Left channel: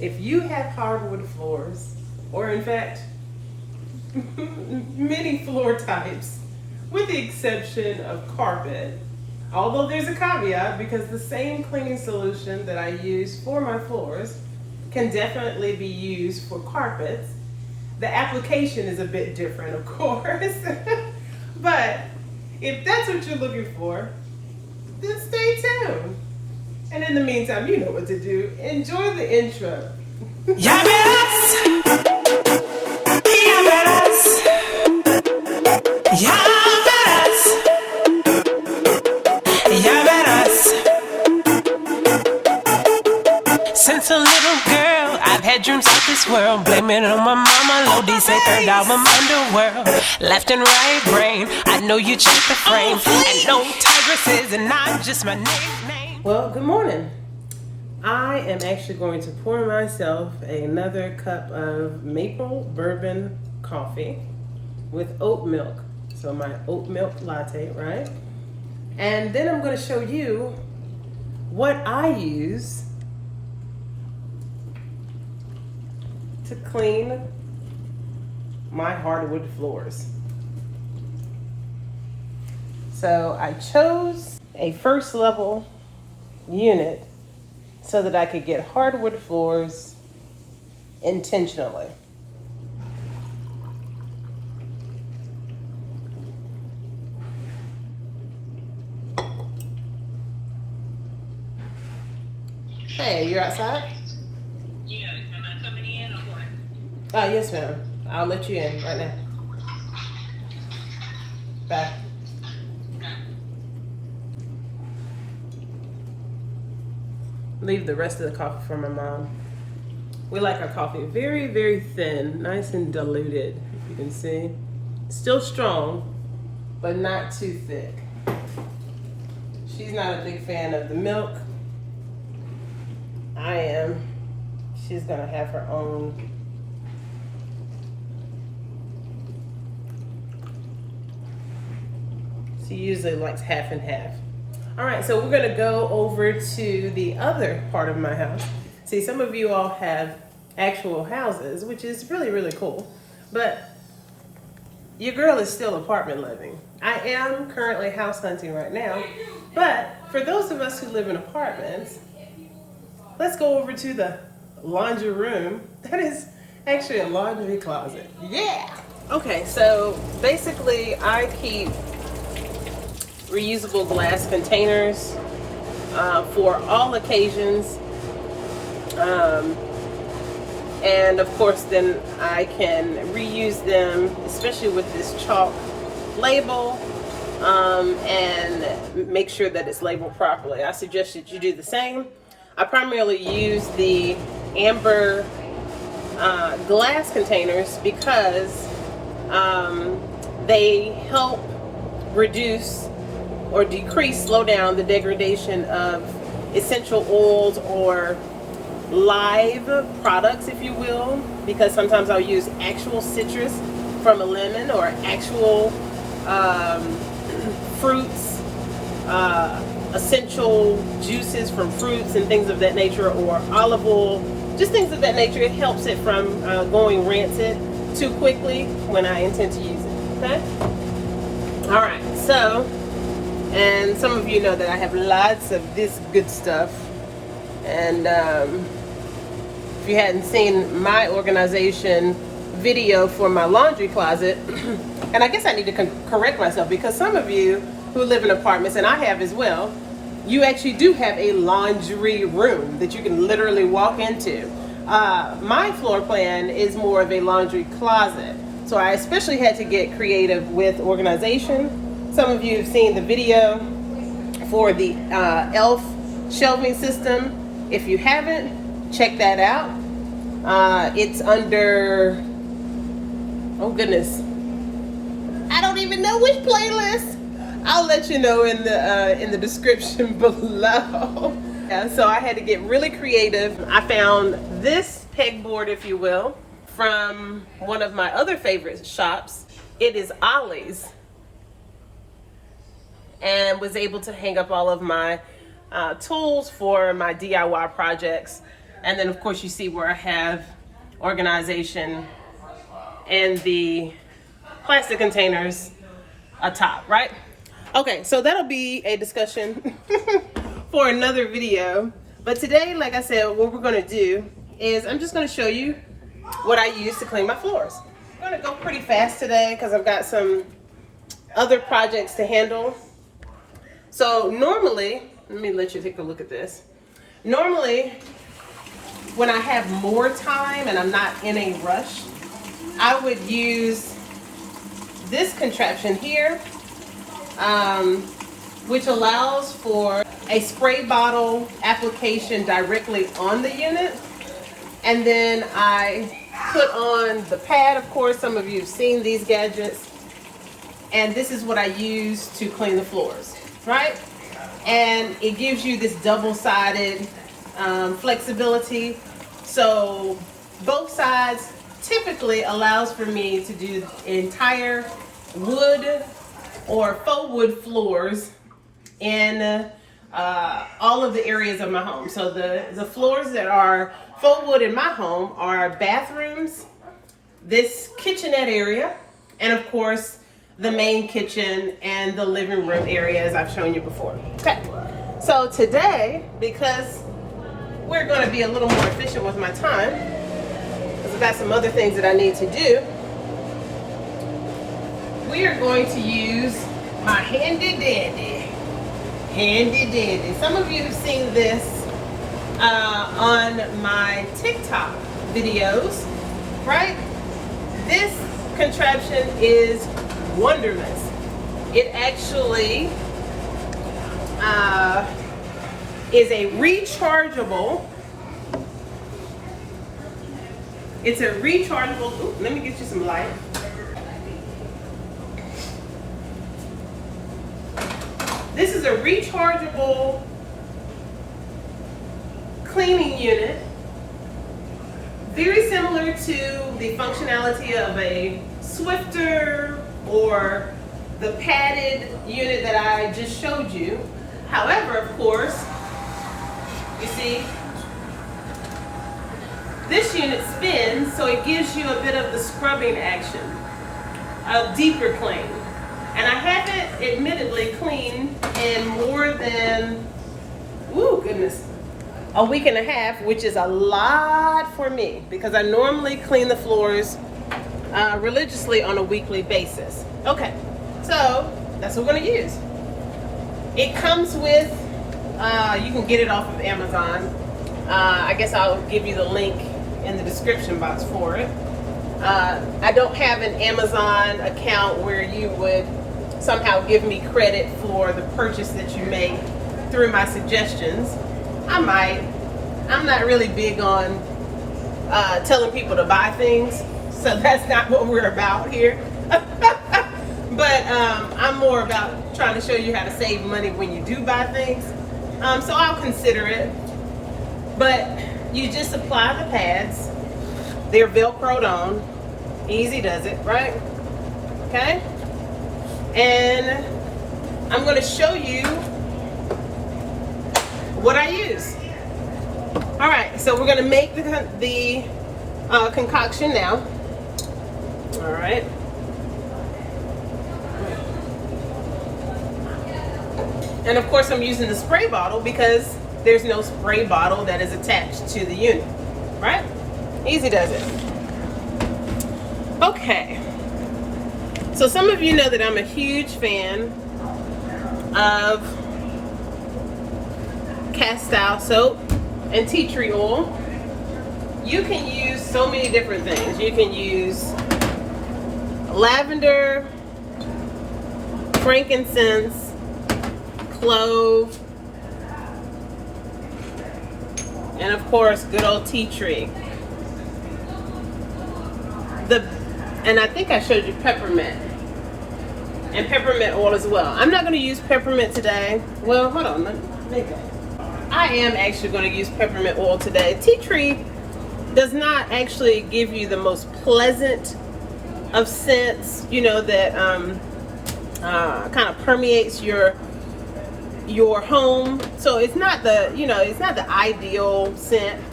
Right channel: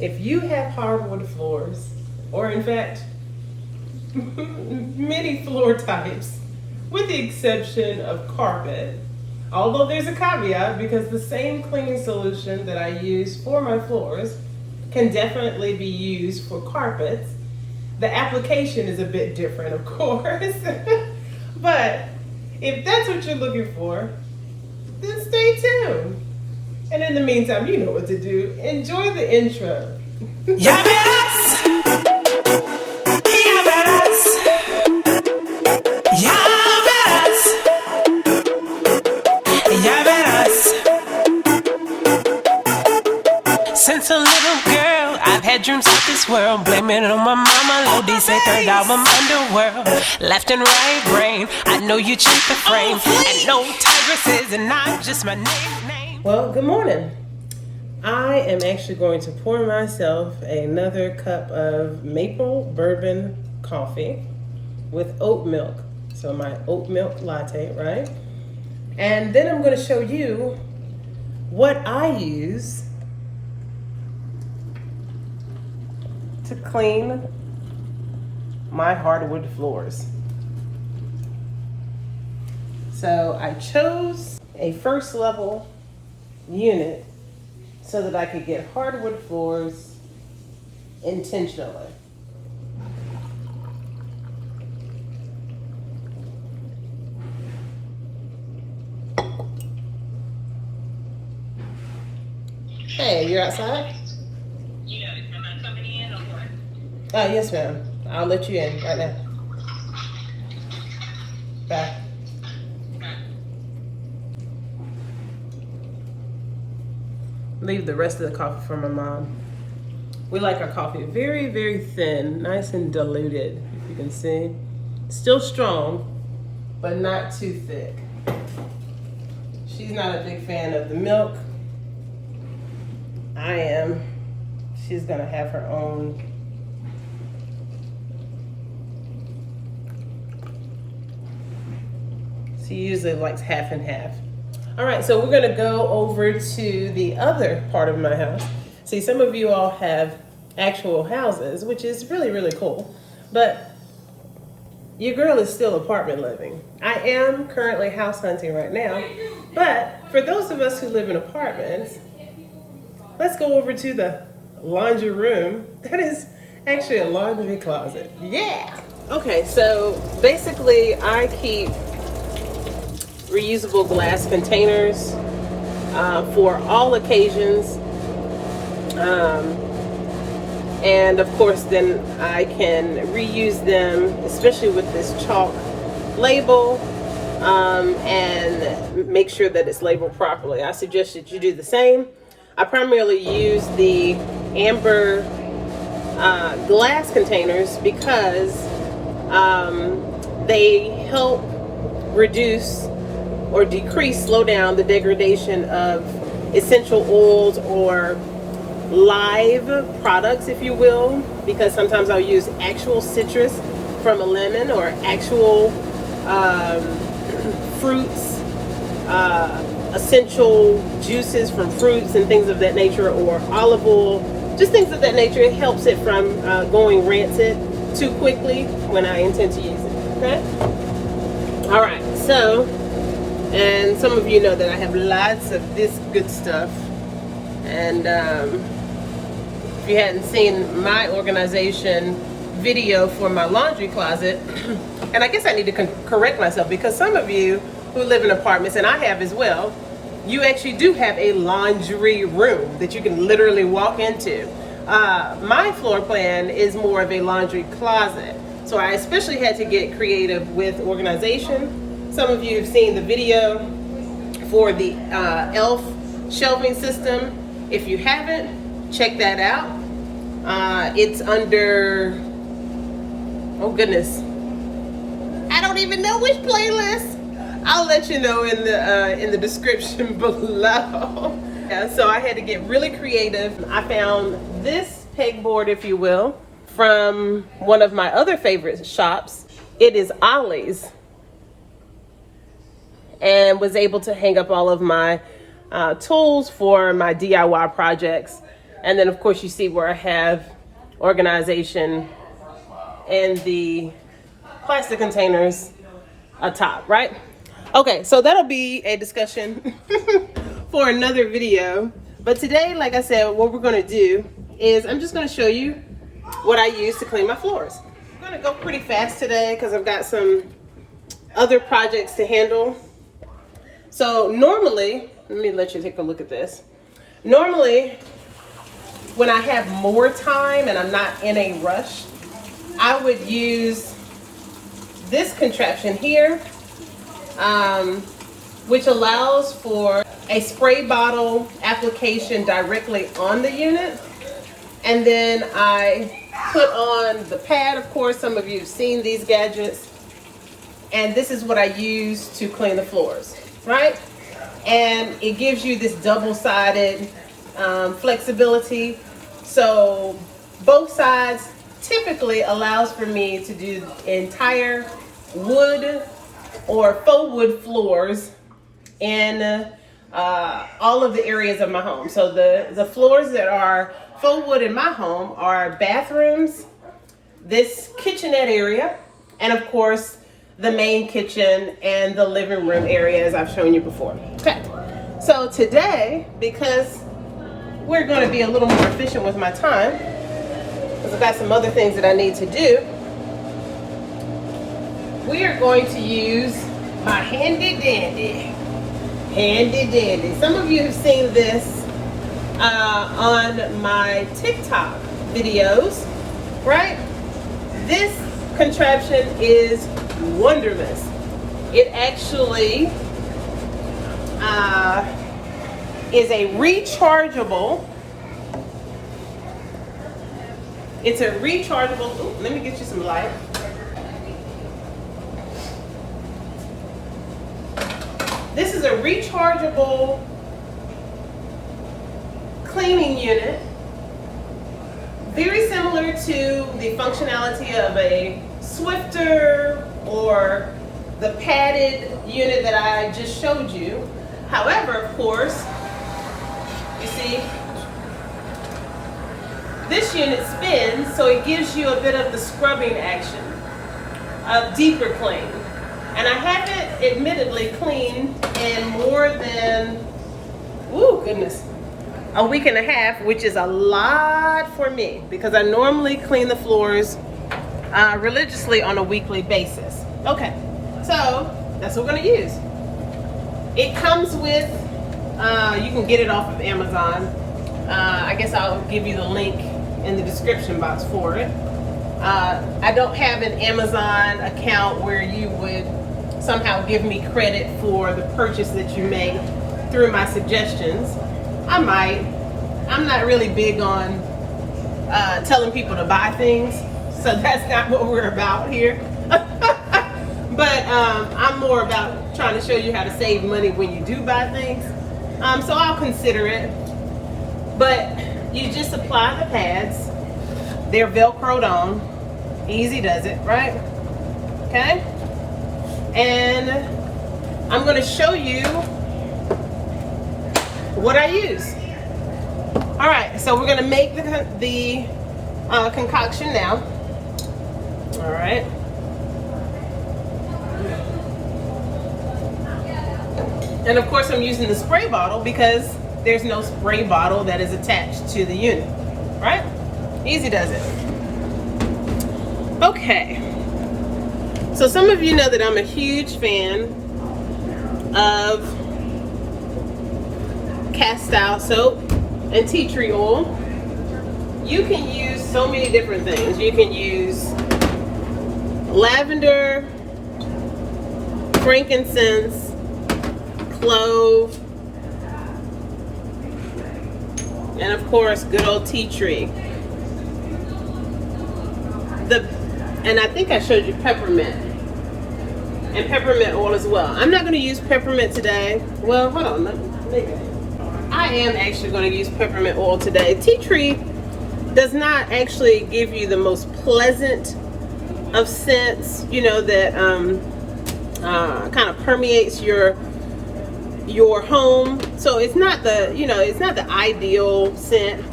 If you have hardwood floors, or in fact, many floor types, with the exception of carpet, although there's a caveat because the same cleaning solution that I use for my floors can definitely be used for carpets. The application is a bit different, of course, but if that's what you're looking for, then stay tuned. And in the meantime, you know what to do. Enjoy the intro. Ya verás, ya verás, ya verás, ya verás. Since a little girl, I've had dreams of this world. Blaming it on my mama, Lodi say third album underworld. Left and right brain, I know you checked the frame. And no tigresses, and not just my nickname. Well, good morning. I am actually going to pour myself another cup of maple bourbon coffee with oat milk. So my oat milk latte, right? And then I'm going to show you what I use to clean my hardwood floors. So I chose a first level unit so that I could get hardwood floors intentionally. Hey, you're outside? Yeah, am I coming in or what? Oh, yes, ma'am. I'll let you in right now. Bye. Leave the rest of the coffee for my mom. We like our coffee very, very thin, nice and diluted, if you can see. Still strong, but not too thick. She's not a big fan of the milk. I am. She's gonna have her own. She usually likes half and half. All right, so we're gonna go over to the other part of my house. See, some of you all have actual houses, which is really, really cool. But your girl is still apartment living. I am currently house hunting right now. But for those of us who live in apartments, let's go over to the laundry room. That is actually a laundry closet. Yeah! Okay, so basically I keep reusable glass containers for all occasions. And of course then I can reuse them, especially with this chalk label, and make sure that it's labeled properly. I suggest that you do the same. I primarily use the amber glass containers because they help reduce or decrease, slow down the degradation of essential oils or live products, if you will, because sometimes I'll use actual citrus from a lemon or actual fruits, essential juices from fruits and things of that nature, or olive oil, just things of that nature. It helps it from going rancid too quickly when I intend to use it, okay? All right, so, and some of you know that I have lots of this good stuff. And if you hadn't seen my organization video for my laundry closet, and I guess I need to correct myself because some of you who live in apartments, and I have as well, you actually do have a laundry room that you can literally walk into. My floor plan is more of a laundry closet. So I especially had to get creative with organization. Some of you have seen the video for the ELF shelving system. If you haven't, check that out. It's under, oh goodness, I don't even know which playlist. I'll let you know in the description below. Yeah, so I had to get really creative. I found this pegboard, if you will, from one of my other favorite shops. It is Ollie's, and was able to hang up all of my tools for my DIY projects. And then of course you see where I have organization and the plastic containers atop, right? Okay, so that'll be a discussion for another video. But today, like I said, what we're gonna do is I'm just gonna show you what I use to clean my floors. I'm gonna go pretty fast today because I've got some other projects to handle. So normally, let me let you take a look at this. Normally, when I have more time and I'm not in a rush, I would use this contraption here, which allows for a spray bottle application directly on the unit. And then I put on the pad, of course, some of you have seen these gadgets. And this is what I use to clean the floors, right? And it gives you this double-sided flexibility. So both sides typically allows for me to do entire wood or faux wood floors in all of the areas of my home. So the floors that are faux wood in my home are bathrooms, this kitchenette area, and of course the main kitchen and the living room area, as I've shown you before. Okay, so today, because we're going to be a little more efficient with my time, because I've got some other things that I need to do, we are going to use my handy dandy. Some of you have seen this on my TikTok videos, right? This contraption is wonderful. It actually is a rechargeable. It's a rechargeable. Ooh, let me get you some light. This is a rechargeable cleaning unit, very similar to the functionality of a Swifter or the padded unit that I just showed you. However, of course, you see, this unit spins, so it gives you a bit of the scrubbing action, a deeper clean. And I haven't admittedly cleaned in more than, ooh, goodness, a week and a half, which is a lot for me because I normally clean the floors religiously on a weekly basis. Okay, so that's what we're gonna use. It comes with, you can get it off of Amazon. I guess I'll give you the link in the description box for it. I don't have an Amazon account where you would somehow give me credit for the purchase that you make through my suggestions. I might. I'm not really big on telling people to buy things, so that's not what we're about here. But I'm more about trying to show you how to save money when you do buy things. So I'll consider it. But you just apply the pads. They're Velcroed on. Easy does it, right? Okay? And I'm going to show you what I use. All right, so we're going to make the concoction now. All right. And of course I'm using the spray bottle because there's no spray bottle that is attached to the unit, right? Easy does it. Okay. So some of you know that I'm a huge fan of CASTILE soap and tea tree oil. You can use so many different things. You can use lavender, frankincense, clove, and of course good old tea tree. And I think I showed you peppermint and peppermint oil as well. I'm not going to use peppermint today. Well, hold on. I am actually going to use peppermint oil today. Tea tree does not actually give you the most pleasant of scents, you know, that kind of permeates your home. So it's not the, you know, it's not the ideal scent.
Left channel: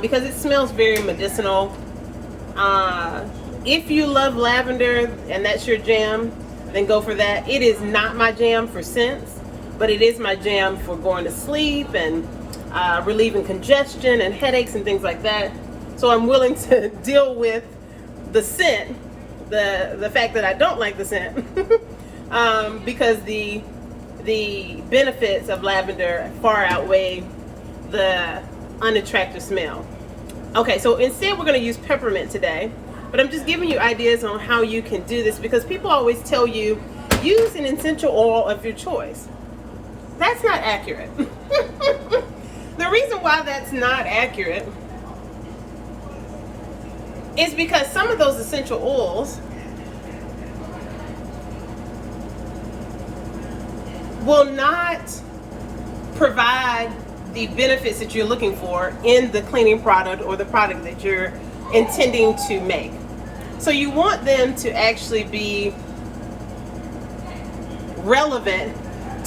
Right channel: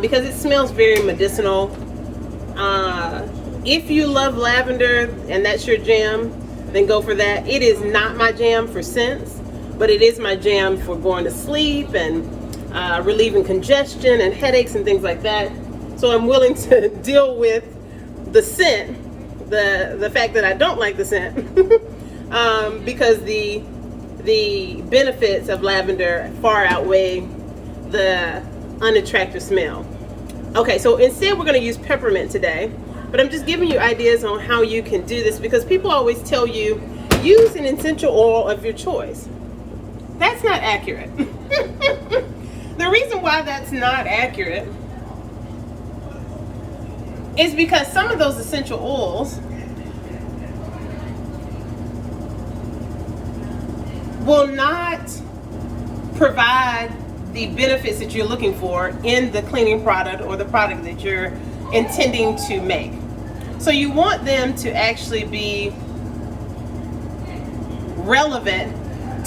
because it smells very medicinal. If you love lavender and that's your jam, then go for that. It is not my jam for scents, but it is my jam for going to sleep and relieving congestion and headaches and things like that. So I'm willing to deal with the scent, the fact that I don't like the scent, because the benefits of lavender far outweigh the unattractive smell. Okay, so instead we're going to use peppermint today, but I'm just giving you ideas on how you can do this, because people always tell you use an essential oil of your choice. That's not accurate. The reason why that's not accurate is because some of those essential oils will not provide the benefits that you're looking for in the cleaning product or the product that you're intending to make. So you want them to actually be relevant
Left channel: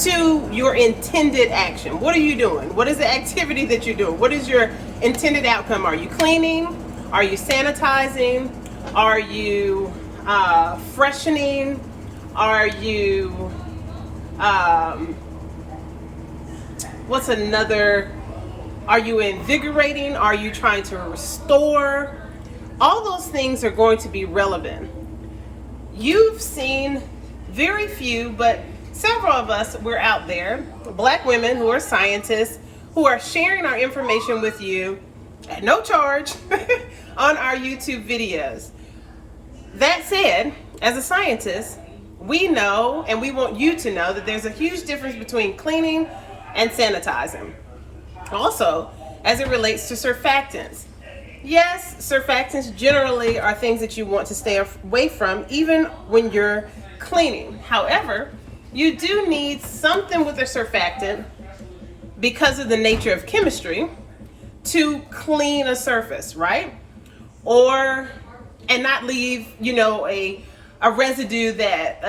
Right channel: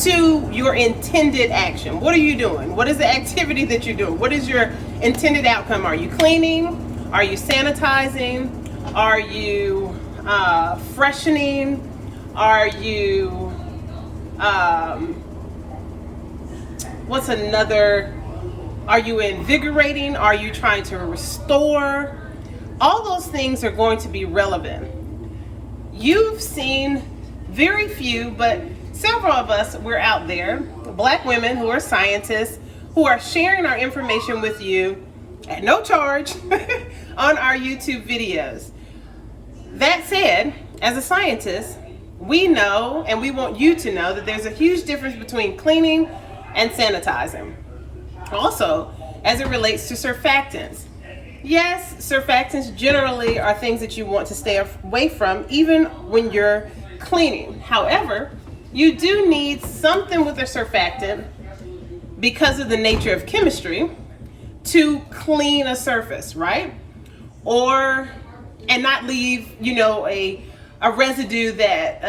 to your intended action. What are you doing? What is the activity that you're doing? What is your intended outcome? Are you cleaning? Are you sanitizing? Are you freshening? Are you what's another? Are you invigorating? Are you trying to restore? All those things are going to be relevant. You've seen very few, but several of us, we're out there, Black women who are scientists, who are sharing our information with you at no charge on our YouTube videos. That said, as a scientist, we know, and we want you to know, that there's a huge difference between cleaning and sanitizing. Also, as it relates to surfactants. Yes, surfactants generally are things that you want to stay away from, even when you're cleaning. However, you do need something with a surfactant because of the nature of chemistry to clean a surface, right? And not leave, a residue that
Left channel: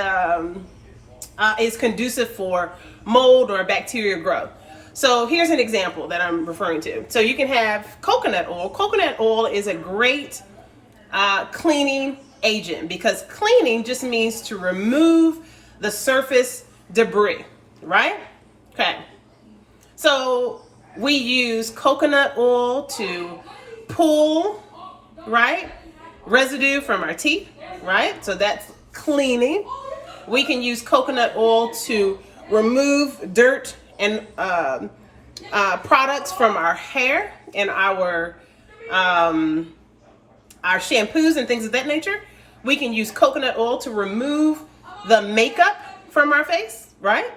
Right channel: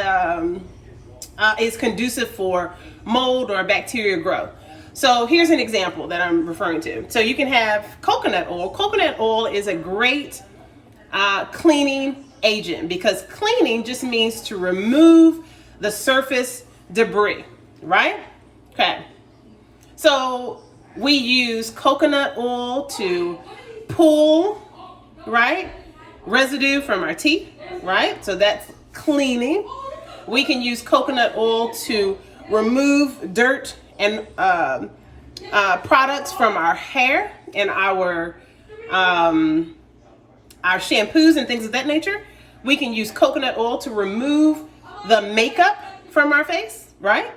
is conducive for mold or bacterial growth. So here's an example that I'm referring to. So you can have coconut oil. Coconut oil is a great cleaning agent, because cleaning just means to remove the surface debris, right? Okay. So we use coconut oil to pull, right, residue from our teeth, right? So that's cleaning. We can use coconut oil to remove dirt and products from our hair and our shampoos and things of that nature. We can use coconut oil to remove the makeup from our face, right?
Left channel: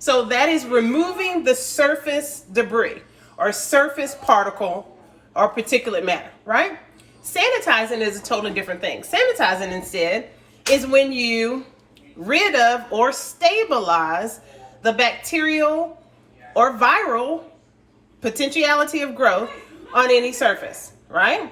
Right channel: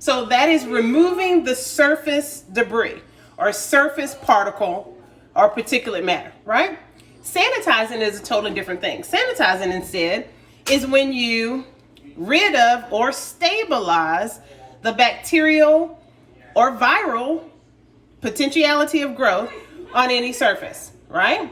So that is removing the surface debris or surface particle or particulate matter, right? Sanitizing is a totally different thing. Sanitizing instead is when you rid of or stabilize the bacterial or viral potentiality of growth on any surface, right?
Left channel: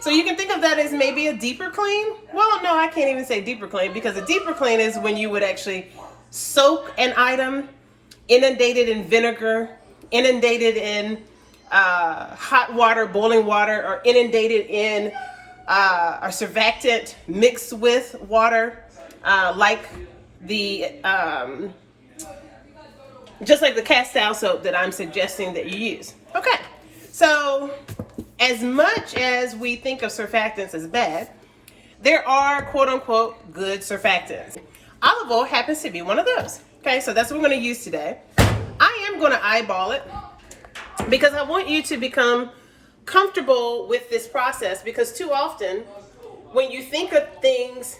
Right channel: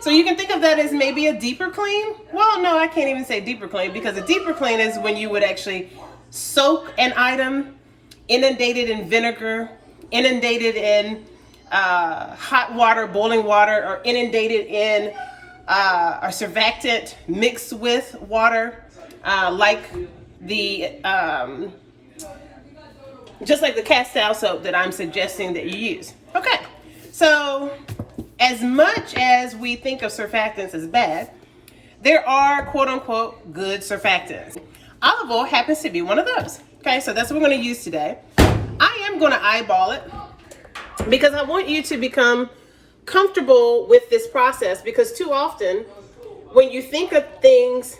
So you can think of that as maybe a deeper clean. Well, no, I can't even say deeper clean, because a deeper clean is when you would actually soak an item, inundated in vinegar, inundated in hot water, boiling water, or inundated in a surfactant mixed with water, like the just like the CASTILE soap that I'm suggesting that you use. Okay, so as much as we think of surfactants as bad, there are quote unquote good surfactants. Olive oil happens to be one of those. Okay, so that's what we're going to use today. I am going to eyeball it because I want you to become comfortable with this process, because too often when you think of things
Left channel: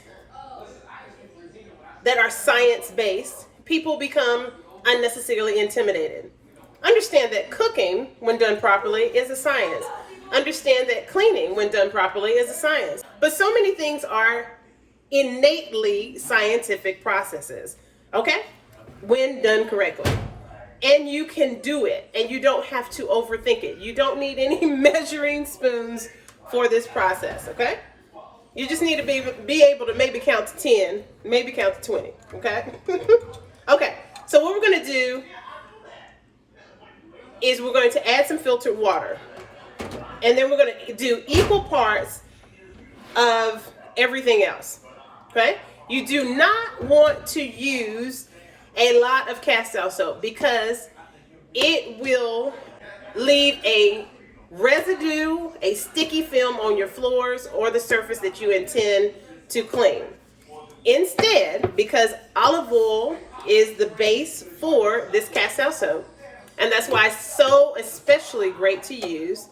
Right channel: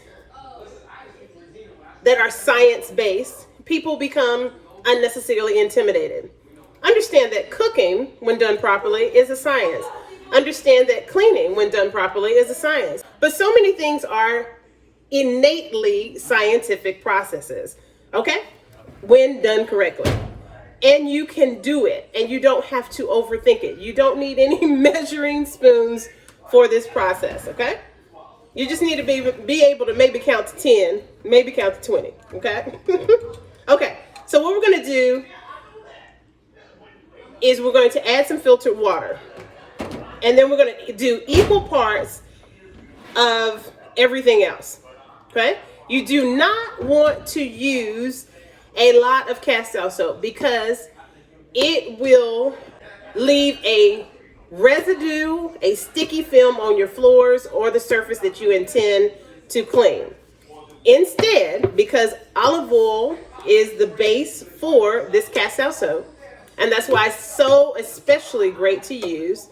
that are science-based, people become unnecessarily intimidated. Understand that cooking, when done properly, is a science. Understand that cleaning, when done properly, is a science. But so many things are innately scientific processes, okay? When done correctly. And you can do it, and you don't have to overthink it. You don't need any measuring spoons for this process, okay? You just need to be able to maybe count to 10, maybe count to 20, okay? Okay, so what we're going to do is we're going to add some filtered water. And then we're going to do equal parts of everything else. Okay? You do not want to use a lot of castile soap because it will leave a residue, a sticky film on your floors or the surface that you intend to clean. Instead, because olive oil is the base for this castile soap, and that's why it's so especially great to use.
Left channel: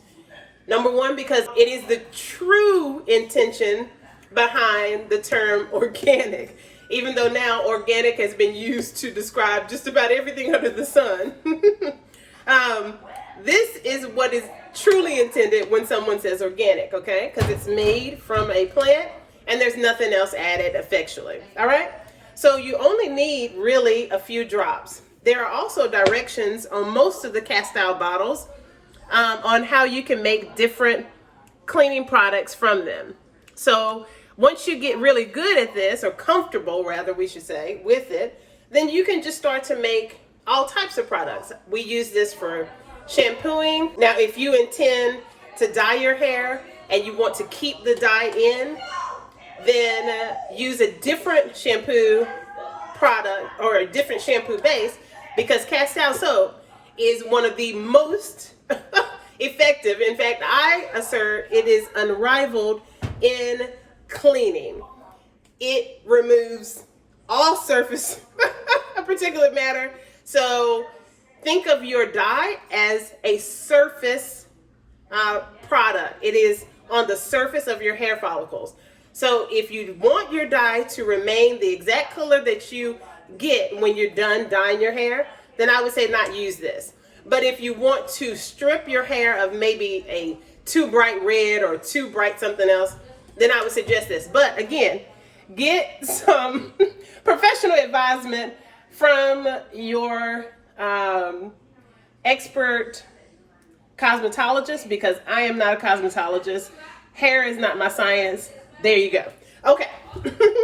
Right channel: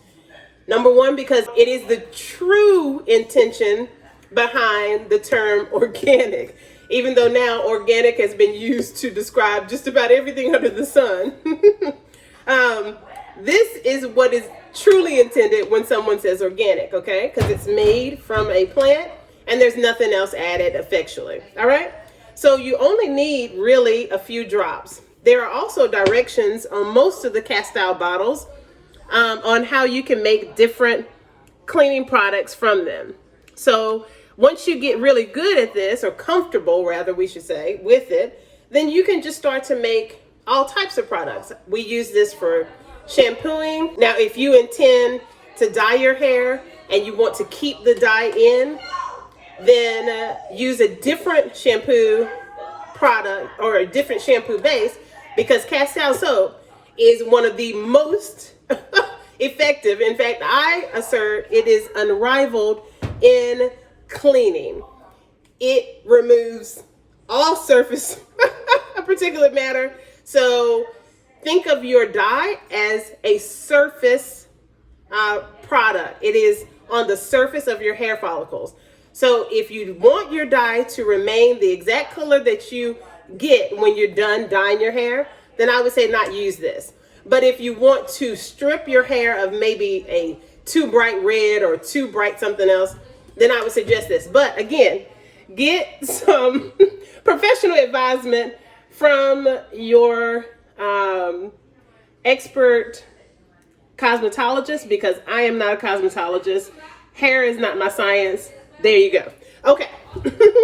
Number one, because it is the true intention behind the term organic, even though now organic has been used to describe just about everything under the sun. This is what is truly intended when someone says organic, okay? Because it's made from a plant and there's nothing else added effectually, all right? So you only need really a few drops. There are also directions on most of the castile bottles on how you can make different cleaning products from them. So once you get really good at this, or comfortable rather we should say, with it, then you can just start to make all types of products. We use this for shampooing. Now, if you intend to dye your hair and you want to keep the dye in, then use a different shampoo product or a different shampoo base, because castile soap is one of the most effective. In fact, I assert it is unrivaled in cleaning. It removes all surface particulate matter. So think of your dye as a surface product. It is on the surface of your hair follicles. So if you want your dye to remain the exact color that you get when you're done dyeing your hair, then I would say not use this. But if you want to strip your hair of maybe a too bright red or too bright something else, then I would suggest this. But again, get some professional advisement from your expert cosmetologist, because I am not a cosmetologist. Hair is not my science. There you go. Okay.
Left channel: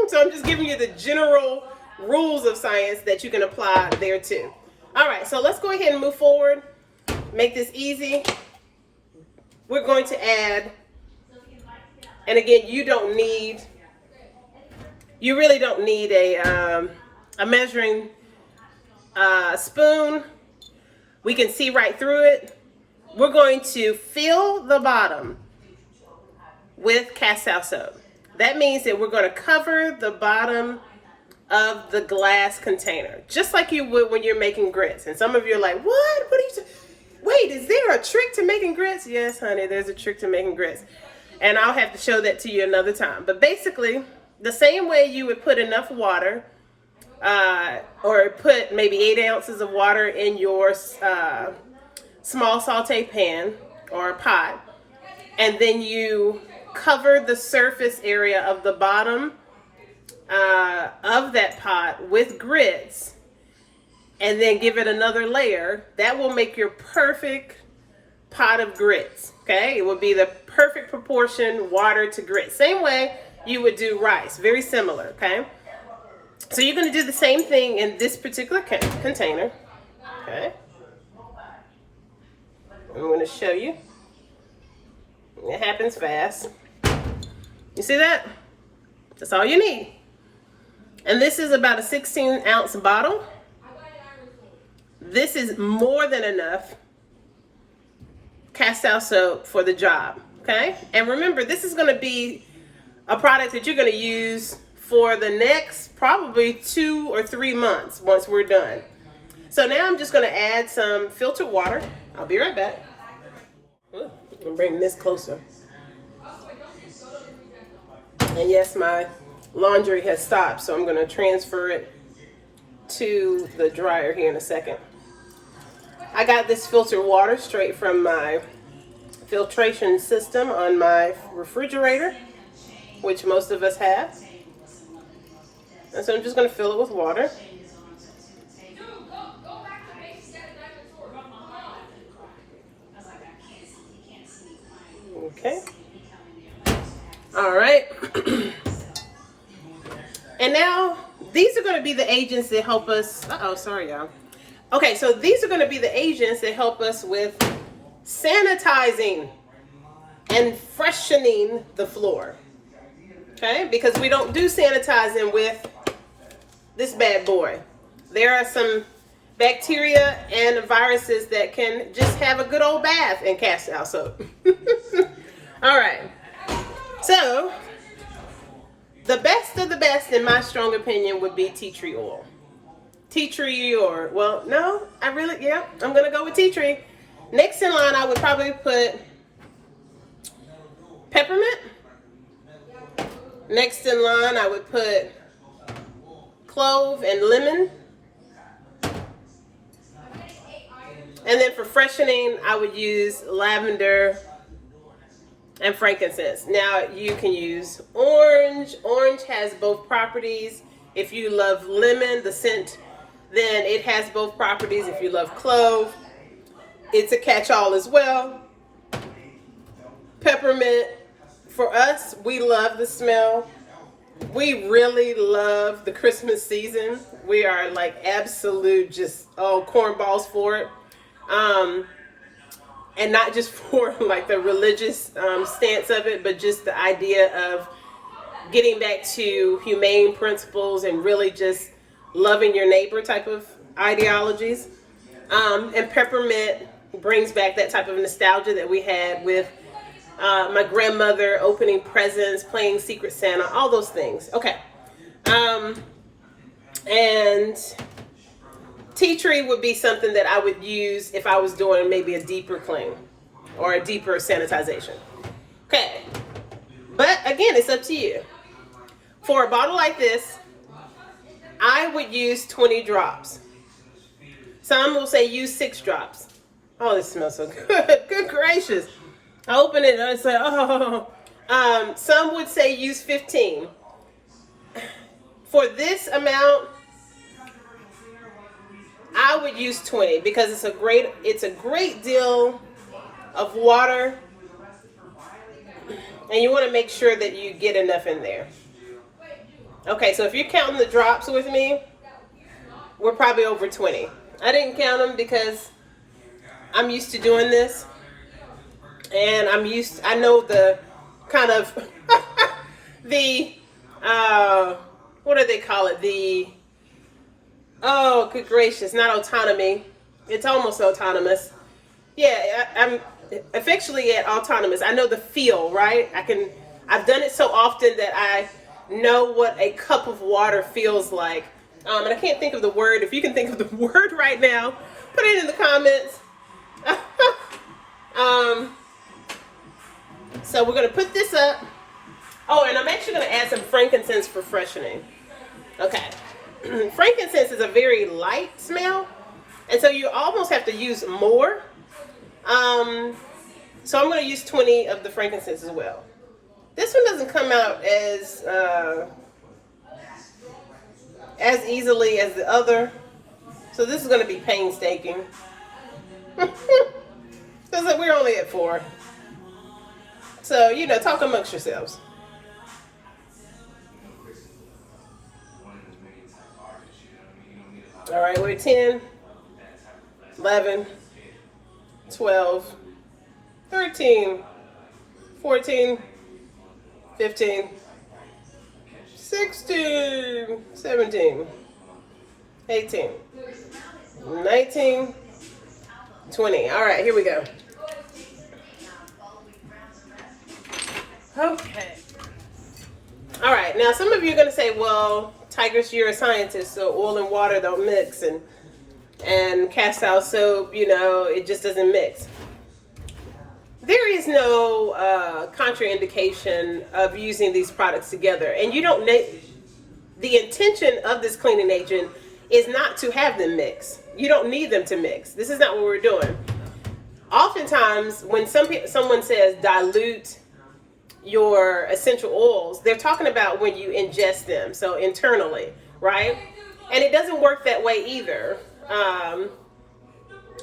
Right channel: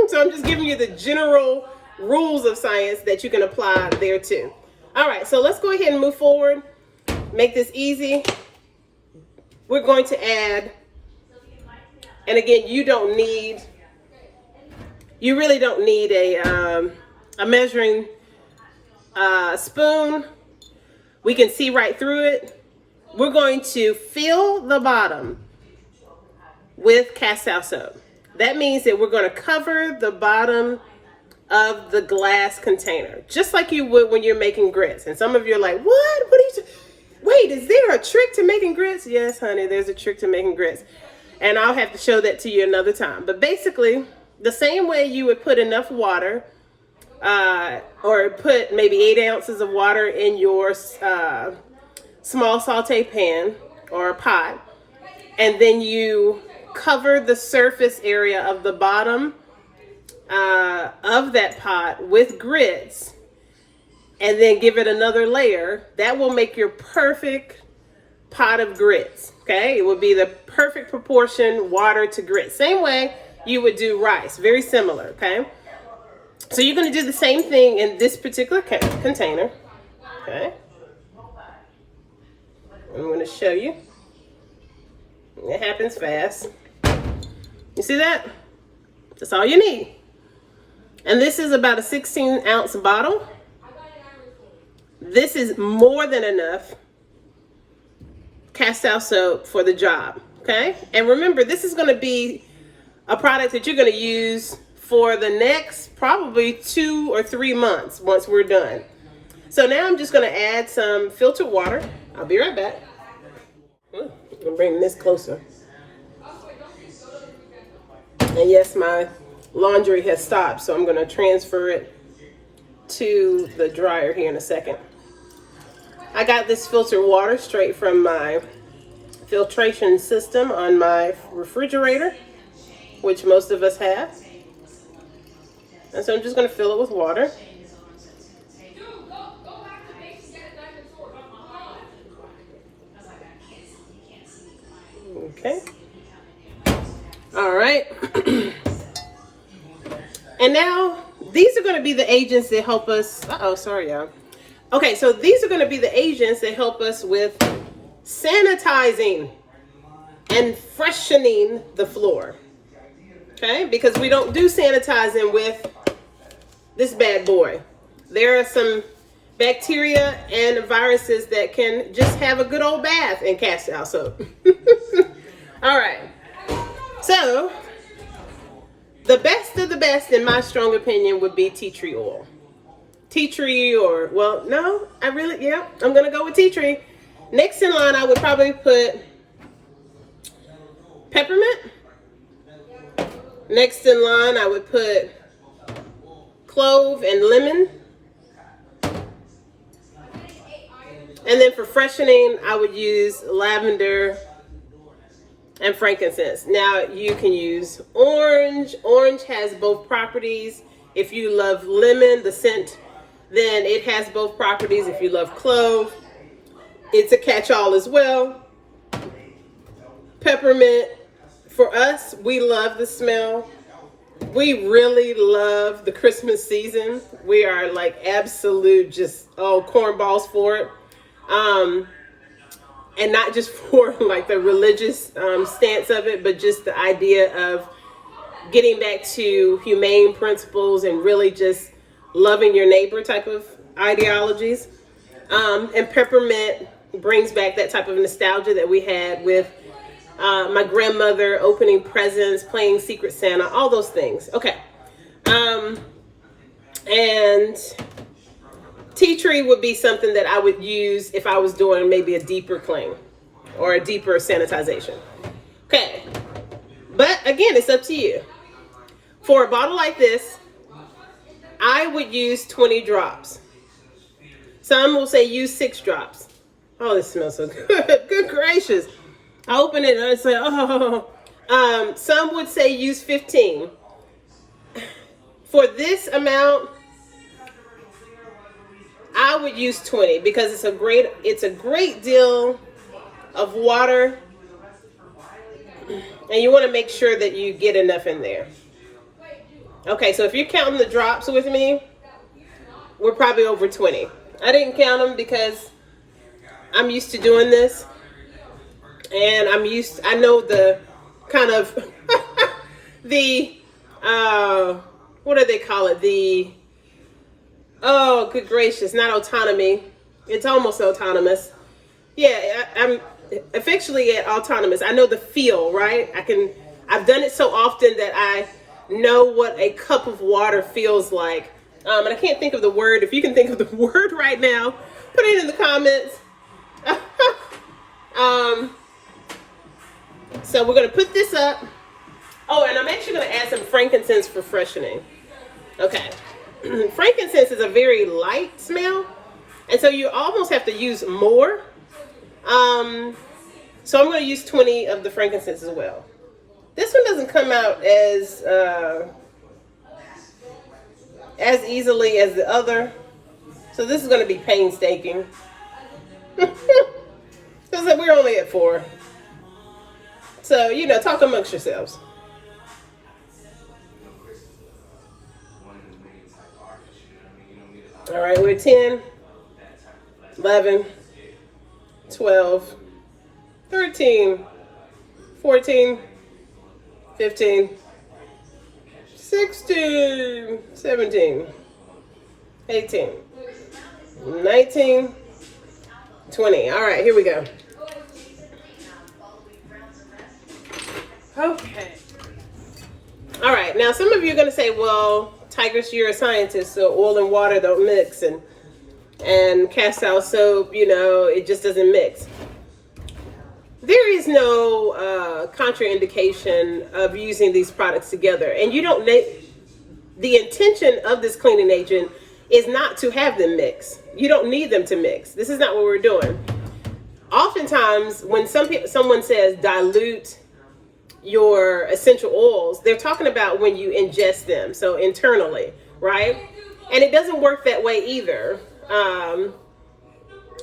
So I'm just giving you the general rules of science that you can apply there too. All right, so let's go ahead and move forward. Make this easy. We're going to add, and again, you really don't need a measuring spoon. We can see right through it. We're going to fill the bottom with castile soap. That means that we're going to cover the bottom of the glass container, just like you would when you're making grits. And some of you are like, what are you wait, is there a trick to making grits? Yes, honey, there's a trick to making grits. And I'll have to show that to you another time. But basically, the same way you would put enough water, or put maybe 8 ounces of water in your small saute pan or pot, and then you cover the surface area of the bottom of that pot with grits, and then give it another layer. That will make your perfect pot of grits. Okay, it will be the perfect proportion water to grits. Same way you would do rice, very similar. Okay, so you're going to do the same thing in this particular container. Okay, I'm going to show you. It happens fast. You see that? That's all you need. And this is about a 16-ounce bottle. This is more than enough castile soap for the job, okay? And remember, this is going to be a product that you're going to use for the next probably 2 or 3 months once we're done. So now I'm just going to add some filtered water. I'll be right back. I'm going to bring this closer. And yes, my laundry has stopped, so I'm going to transfer it to the dryer here in a second. I got this filtered water straight from my filtration system on my refrigerator, which most of us have. And so I'm just going to fill it with water. Okay. All right. And now these are going to be the agents that help us. Sorry, y'all. Okay, so these are going to be the agents that help us with sanitizing and freshening the floor. Okay, because we don't do sanitizing with this bad boy. There are some bacteria and viruses that can just have a good old bath in castile soap. All right. So, the best of the best, in my strong opinion, would be tea tree oil. Tea tree, or, well, no, I'm going to go with tea tree. Next in line, I would probably put peppermint. Next in line, I would put clove and lemon. And then for freshening, I would use lavender and frankincense. Now, you can use orange. Orange has both properties. If you love lemon, the scent, then it has both properties. If you love clove, it's a catch-all as well. Peppermint, for us, we love the smell. We really love the Christmas season. We are like absolute just, cornballs for it. And not just for like the religious stance of it, but just the idea of getting back to humane principles and really just loving your neighbor type of ideologies. And peppermint brings back that type of nostalgia that we had with my grandmother opening presents, playing Secret Santa, all those things. Okay. And tea tree would be something that I would use if I was doing maybe a deeper clean or a deeper sanitization. Okay. But again, it's up to you. For a bottle like this, I would use 20 drops. Some will say use 6 drops. Oh, this smells so good. Good gracious. I open it and I say, oh. Some would say use 15. For this amount, I would use 20 because it's a great deal of water, and you want to make sure that you get enough in there. Okay, so if you're counting the drops with me, we're probably over 20. I didn't count them because I'm used to doing this, and I know the kind of the what do they call it? Oh, good gracious, not autonomy. It's almost autonomous. Yeah, I'm affectionately at autonomous. I know the feel, right? I've done it so often that I know what a cup of water feels like. And I can't think of the word. If you can think of the word right now, put it in the comments. So we're going to put this up. Oh, and I'm actually going to add some frankincense for freshening. Okay. Frankincense is a very light smell, and so you almost have to use more. So I'm going to use 20 of the frankincense as well. This one doesn't come out as easily as the other, so this is going to be painstaking. Because we're only at 4. So, talk amongst yourselves. All right, we're 10, 11, 12, 13, 14, 15, 16, 17, 18, 19, 20. All right, here we go. Okay. All right, now some of you are going to say, well, Tigress, you're a scientist, so oil and water don't mix, and castile soap, it just doesn't mix. There is no contraindication of using these products together, and you don't the intention of this cleaning agent is not to have them mix. You don't need them to mix. This is not what we're doing. Oftentimes, when someone says dilute your essential oils, they're talking about when you ingest them, so internally, right? And it doesn't work that way either.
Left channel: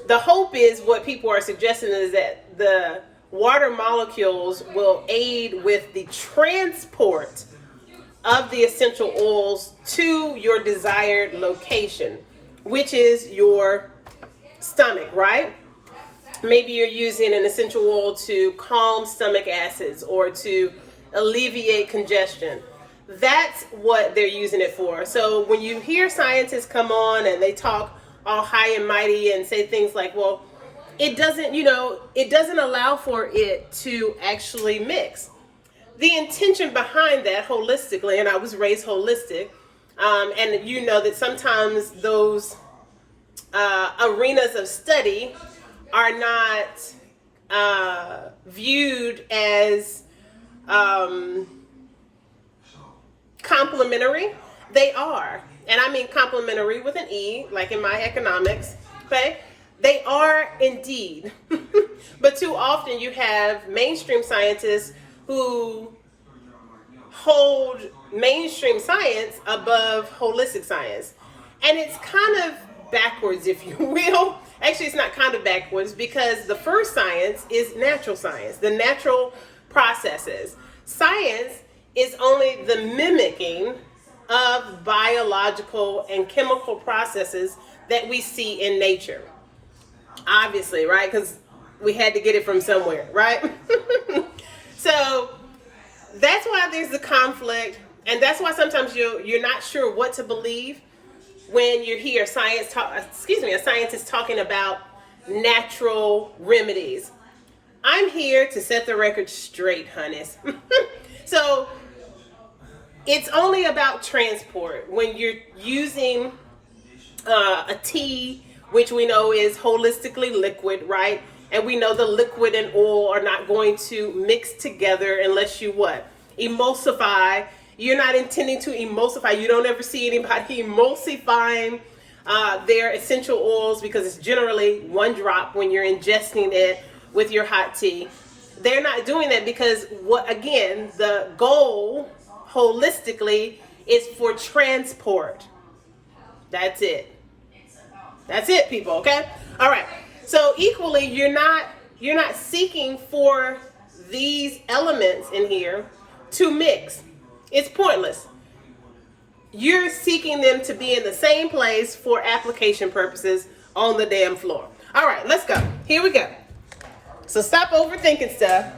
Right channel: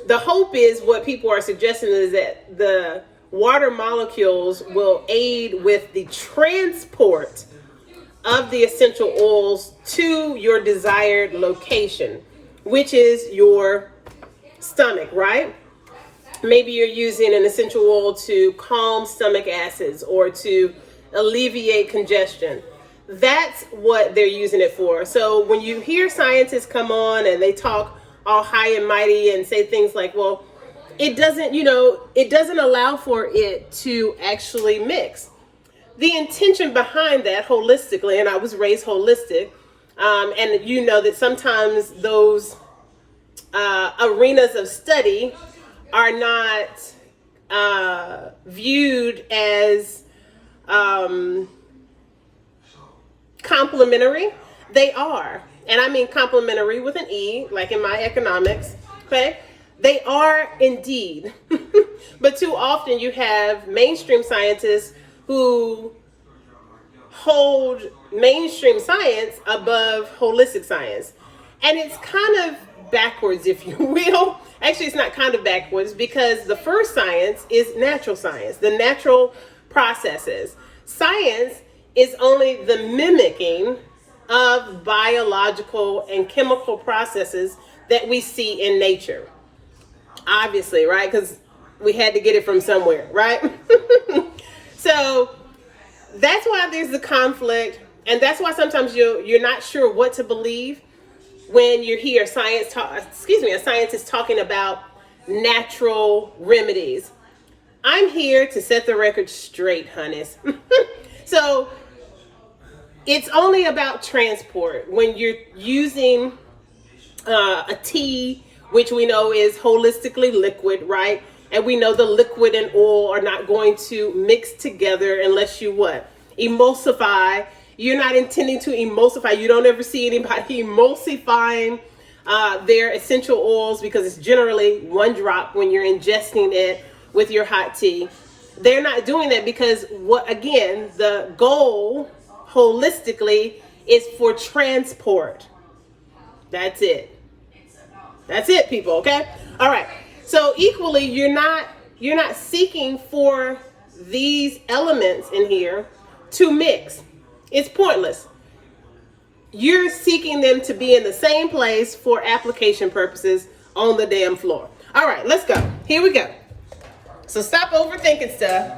The hope is, what people are suggesting is that the water molecules will aid with the transport of the essential oils to your desired location, which is your stomach, right? maybe you're using an essential oil to calm stomach acids or to alleviate congestion. That's what they're using it for. So when you hear scientists come on and they talk all high and mighty and say things like, well, it doesn't, it doesn't allow for it to actually mix. The intention behind that holistically, and I was raised holistic, and you know that sometimes those arenas of study are not viewed as complementary. They are, and I mean complementary with an E, like in my economics, okay? They are indeed. But too often you have mainstream scientists who hold mainstream science above holistic science. And it's kind of backwards, if you will. Actually, it's not kind of backwards, because the first science is natural science, the natural processes. Science is only the mimicking of biological and chemical processes that we see in nature. Obviously, right? Because we had to get it from somewhere, right? So that's why there's the conflict, and that's why sometimes you're not sure what to believe when you hear a scientist talking about natural remedies. I'm here to set the record straight, honeys. So it's only about transport. When you're using a tea, which we know is holistically liquid, right? And we know the liquid and oil are not going to mix together unless you what? Emulsify. You're not intending to emulsify. You don't ever see anybody emulsifying their essential oils, because it's generally one drop when you're ingesting it with your hot tea. They're not doing that because the goal holistically is for transport. That's it. That's it, people, okay? All right. So equally, you're not seeking for these elements in here to mix. It's pointless. You're seeking them to be in the same place for application purposes on the damn floor. All right, let's go. Here we go. So stop overthinking stuff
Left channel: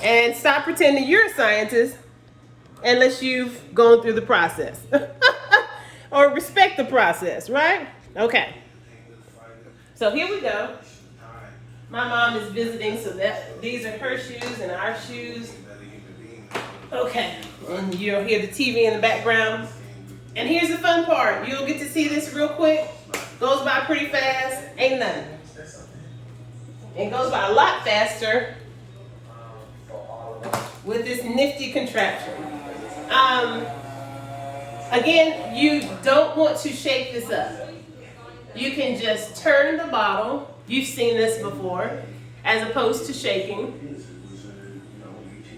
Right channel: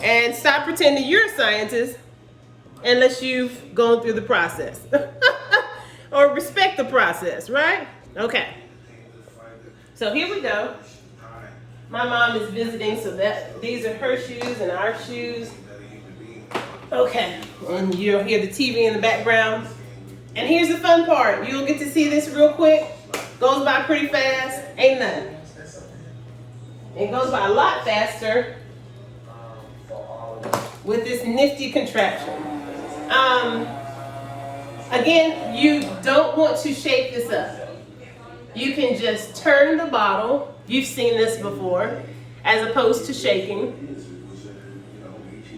and stop pretending you're a scientist unless you've gone through the process. Or respect the process, right? Okay. So here we go. My mom is visiting, so these are her shoes and our shoes. Okay, and you'll hear the TV in the background. And here's the fun part. You'll get to see this real quick. Goes by pretty fast. Ain't nothing. It goes by a lot faster with this nifty contraption. Again, you don't want to shake this up. You can just turn the bottle. You've seen this before, as opposed to shaking,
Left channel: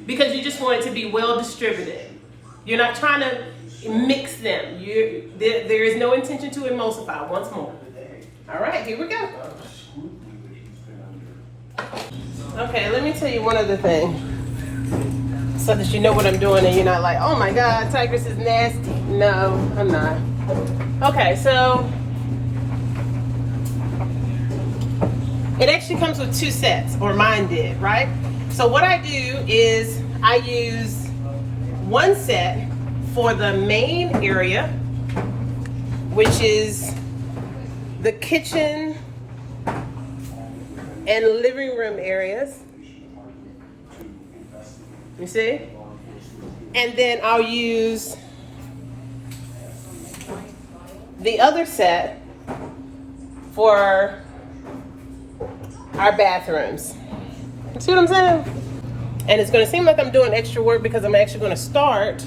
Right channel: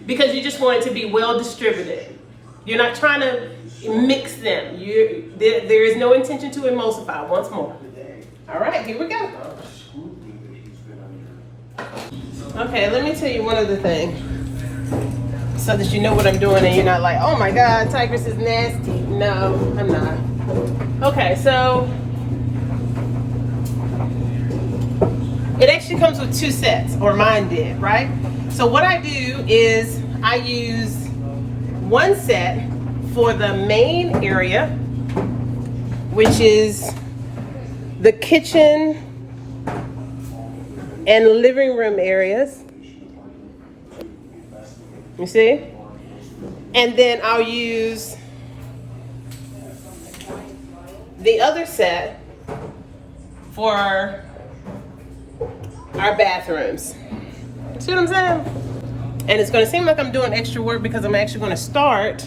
because you just want it to be well distributed. You're not trying to mix them. There is no intention to emulsify. Once more. All right, here we go. Okay, let me tell you one other thing, so that you know what I'm doing and you're not like, oh my God, Tigress is nasty. No, I'm not. Okay, so it actually comes with 2 sets, or mine did, right? So what I do is I use 1 set for the main area, which is the kitchen and living room areas. You see? And then I'll use the other set for our bathrooms. See what I'm saying? And it's going to seem like I'm doing extra work because I'm actually going to start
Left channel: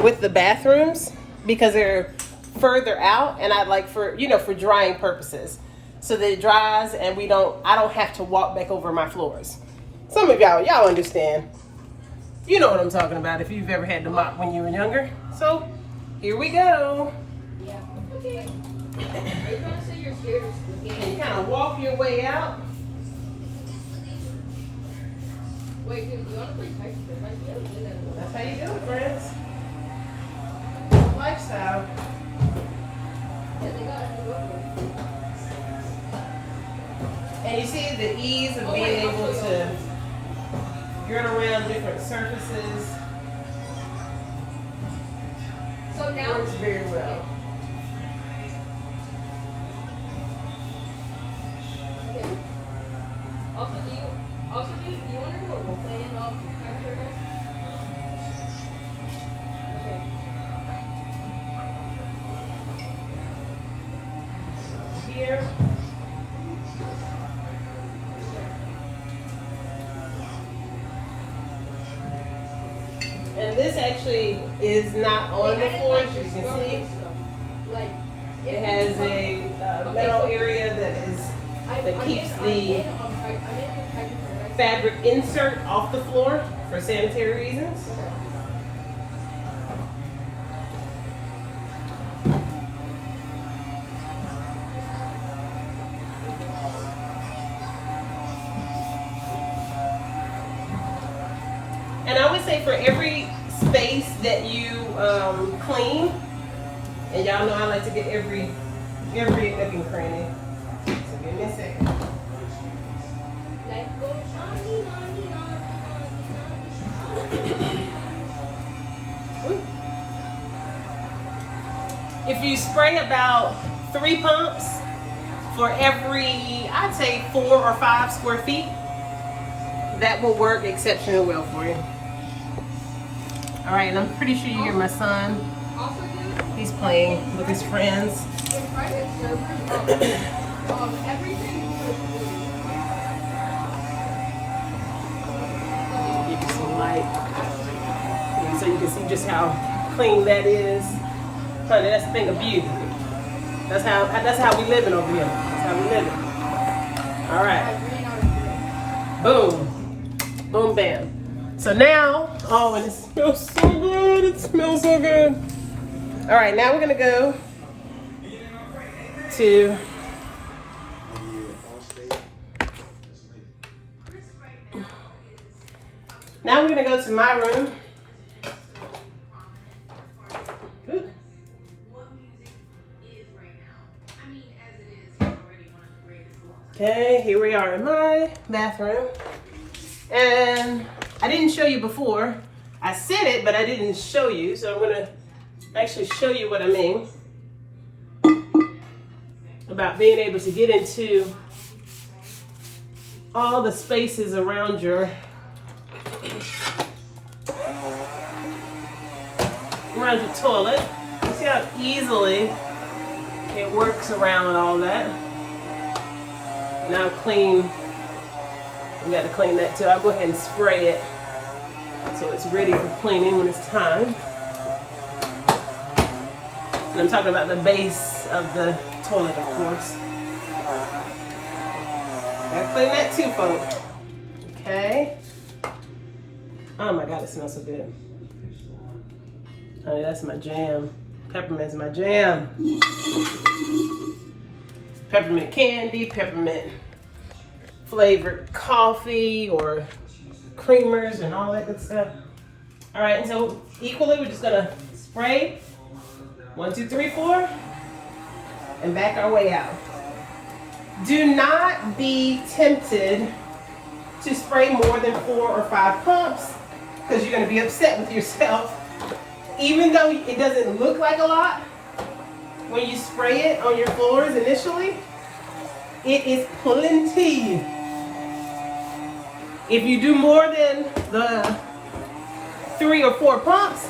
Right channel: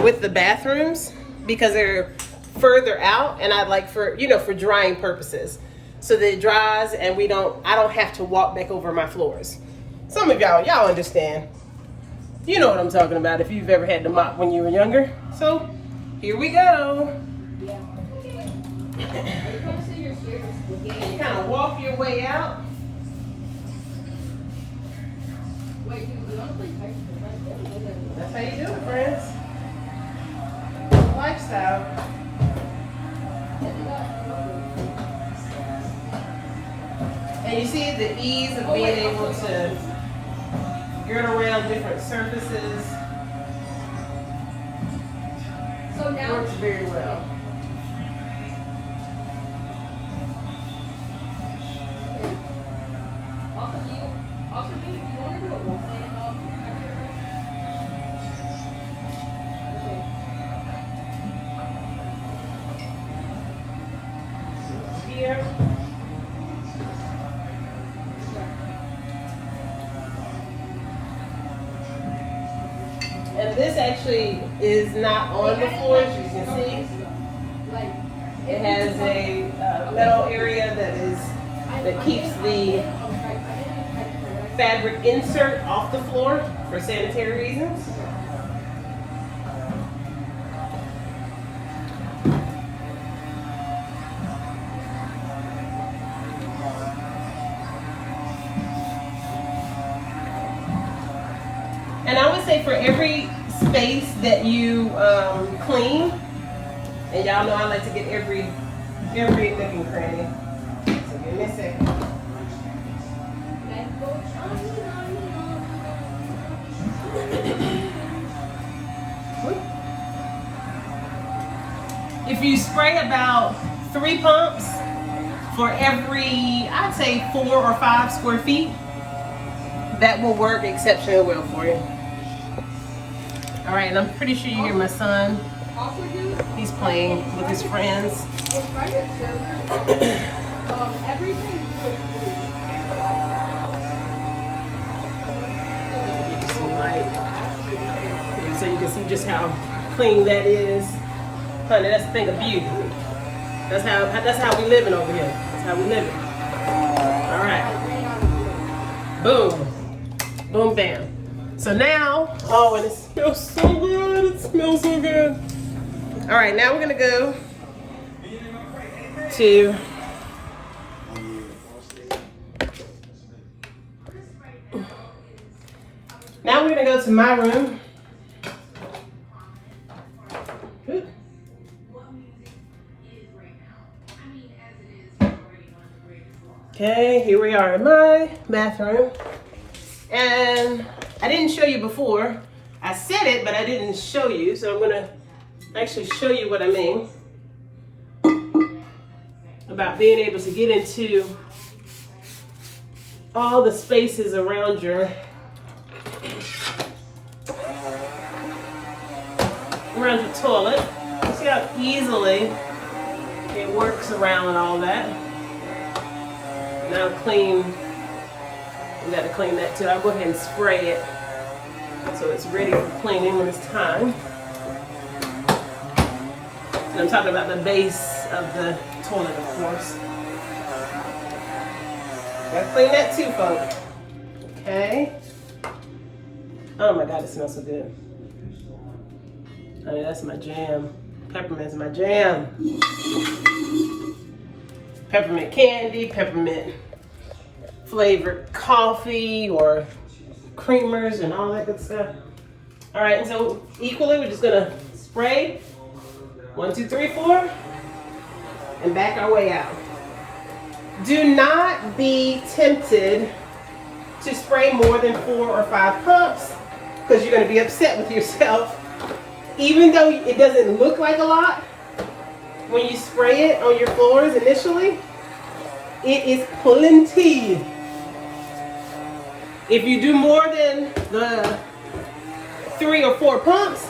with the bathrooms because they're further out, and I'd like for drying purposes, so that it dries and I don't have to walk back over my floors. Some of y'all understand. You know what I'm talking about if you've ever had to mop when you were younger. So here we go. And you kind of walk your way out. That's how you do it, friends. Lifestyle. And you see the ease of being able to get around different surfaces works very well. Here. And this actually is not on the floor, as you can see. It has a metal area that keeps the fabric insert off the floor for sanitary reasons. And I would say for every space that you clean, and y'all know I like to get every nook and cranny. So give me a second. If you spray about 3 pumps for every, I'd say 4 or 5 square feet, that will work exceptionally well for you. All right, and I'm pretty sure you hear my son. He's playing with his friends. Give you some light, so you can see just how clean that is. Honey, that's the thing of beauty. That's how we living over here. That's how we living. All right. Boom. Boom, bam. So now, oh, and it smells so good. It smells so good. All right, now we're gonna go to my room. Okay, here we are in my bathroom. And I didn't show you before. I said it, but I didn't show you. So I'm gonna actually show you what I mean about being able to get into all the spaces around your toilet. You see how easily it works around all that. Now clean, we got to clean that too. I'll go ahead and spray it so it's ready for cleaning when it's time. And I'm talking about the base of the toilet, of course. Gotta clean that too, folks. Okay. Oh my God, it smells so good. Honey, that's my jam. Peppermint's my jam. Peppermint candy, peppermint flavored coffee or creamers and all that good stuff. All right, and so equally, we're just gonna spray 1, 2, 3, 4 and back our way out. Do not be tempted to spray more than 4 or 5 pumps because you're gonna be upset with yourself. Even though it doesn't look like a lot, when you spray it on your floors initially, it is plenty. If you do more than the 3 or 4 pumps,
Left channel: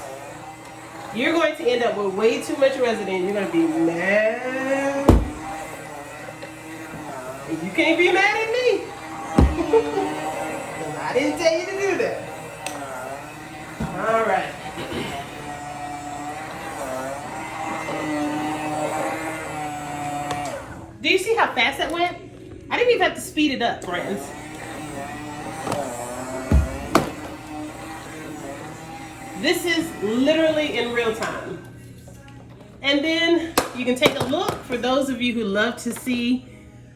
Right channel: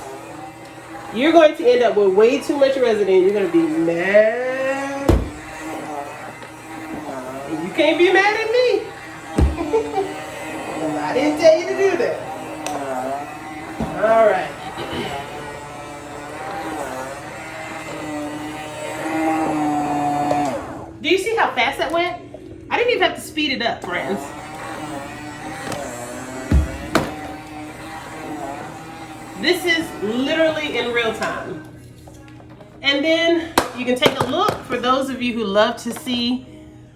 you're going to end up with way too much residue. You're going to be mad. And you can't be mad at me. I didn't tell you to do that. All right. Do you see how fast that went? I didn't even have to speed it up, friends. This is literally in real time. And then you can take a look for those of you who love to see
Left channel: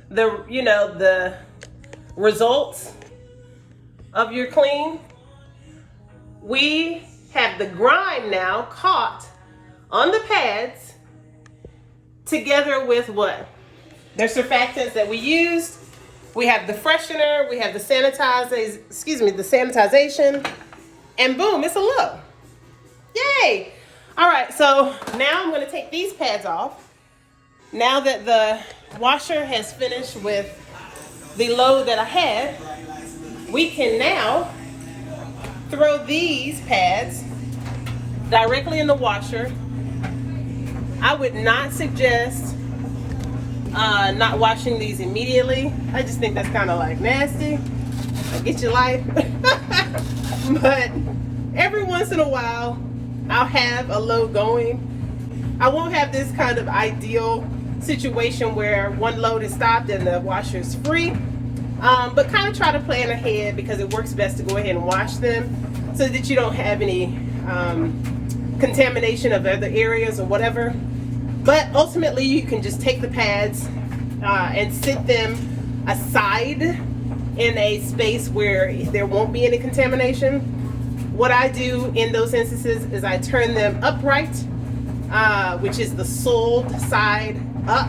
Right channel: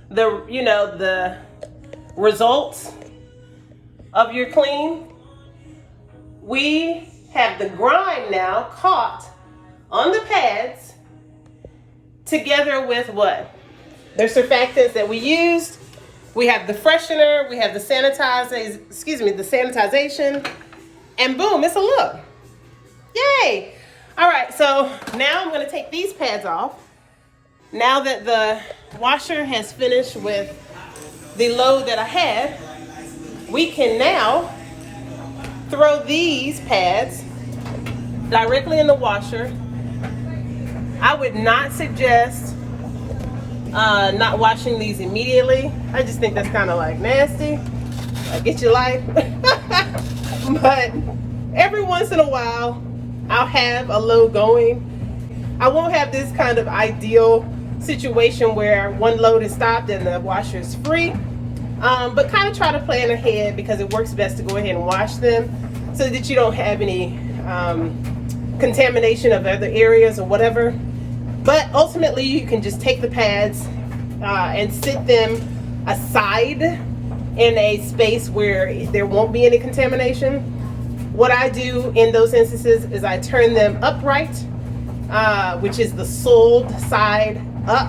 the results of your clean. We have the grime now caught on the pads together with what? The surfactants that we used We have the freshener, we have the sanitization, and boom, it's a look. Yay! All right, so now I'm gonna take these pads off. Now that the washer has finished with the load that I had, we can now throw these pads directly in the washer. I would not suggest not washing these immediately. I just think that's kind of like nasty. Get your life. But every once in a while, I'll have a load going. I won't have this kind of ideal situation where one load is stopped and the washer is free. But kind of try to plan ahead because it works best to go ahead and wash them so that you don't have any contamination of other areas or whatever. But ultimately, you can just take the pads and sit them aside in a space where there won't be any contamination. What I do in those instances is I turn them upright, which is the sold side up,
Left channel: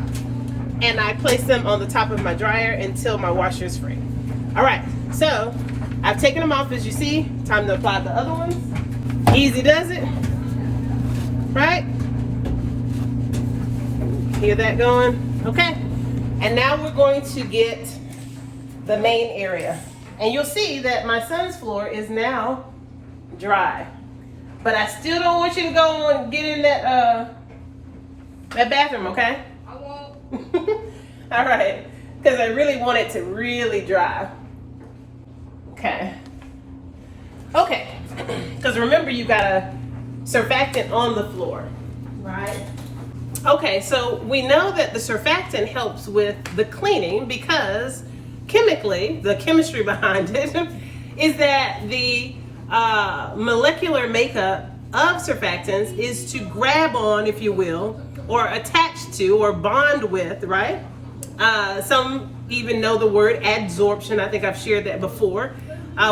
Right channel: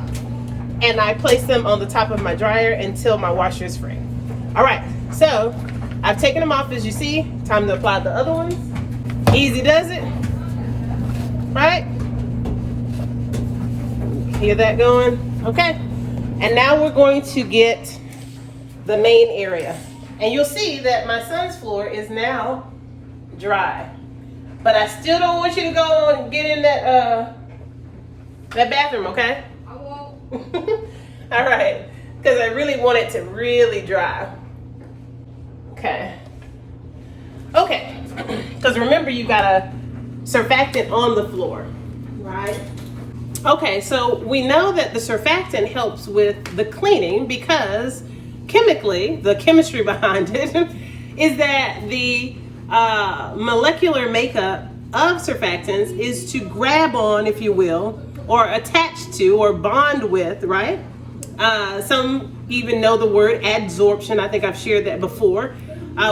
and I place them on the top of my dryer until my washer is free. All right, so I've taken them off, as you see. Time to apply the other ones. Easy does it, right? Hear that going? Okay. And now we're going to get the main area. And you'll see that my son's floor is now dry. But I still don't want you to go and get in that bathroom, okay? I won't. All right. Because I really want it to really dry. Okay. Okay. Because remember, you got a surfactant on the floor, right? Okay, so we know that the surfactant helps with the cleaning because chemically, the chemistry behind it is that the molecular makeup of surfactants is to grab on, if you will, or attach to or bond with, right? Some even know the word adsorption. I think I've shared that before,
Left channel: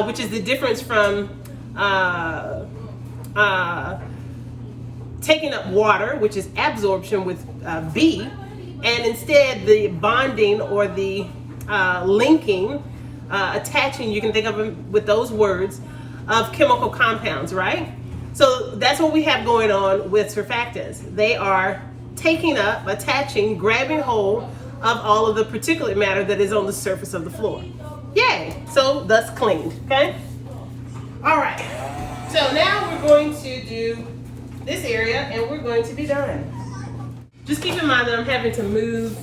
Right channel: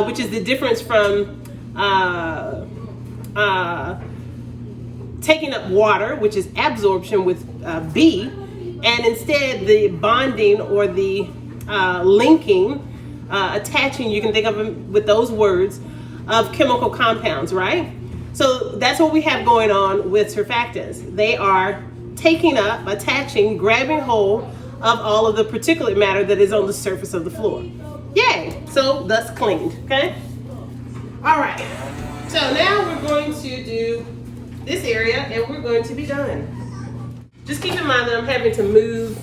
which is the difference from taking up water, which is absorption with B, and instead the bonding or the linking, attaching, you can think of them with those words, of chemical compounds, right? So that's what we have going on with surfactants. They are taking up, attaching, grabbing hold of all of the particulate matter that is on the surface of the floor. Yay! So thus cleaned, okay? All right, so now we're going to do this area and we're going to be done. Just keep in mind that I'm having to move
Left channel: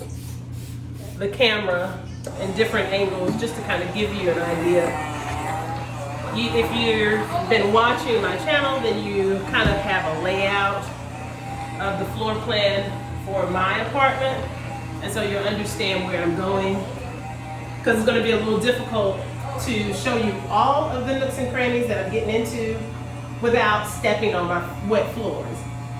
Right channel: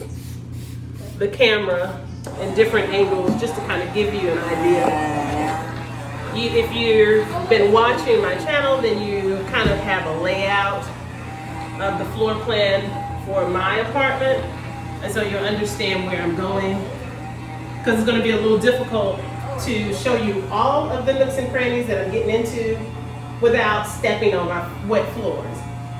the camera in different angles just to kind of give you an idea. If you've been watching my channel, then you kind of have a layout of the floor plan for my apartment, and so you'll understand where I'm going, because it's going to be a little difficult to show you all of the nooks and crannies that I'm getting into without stepping on my wet floors.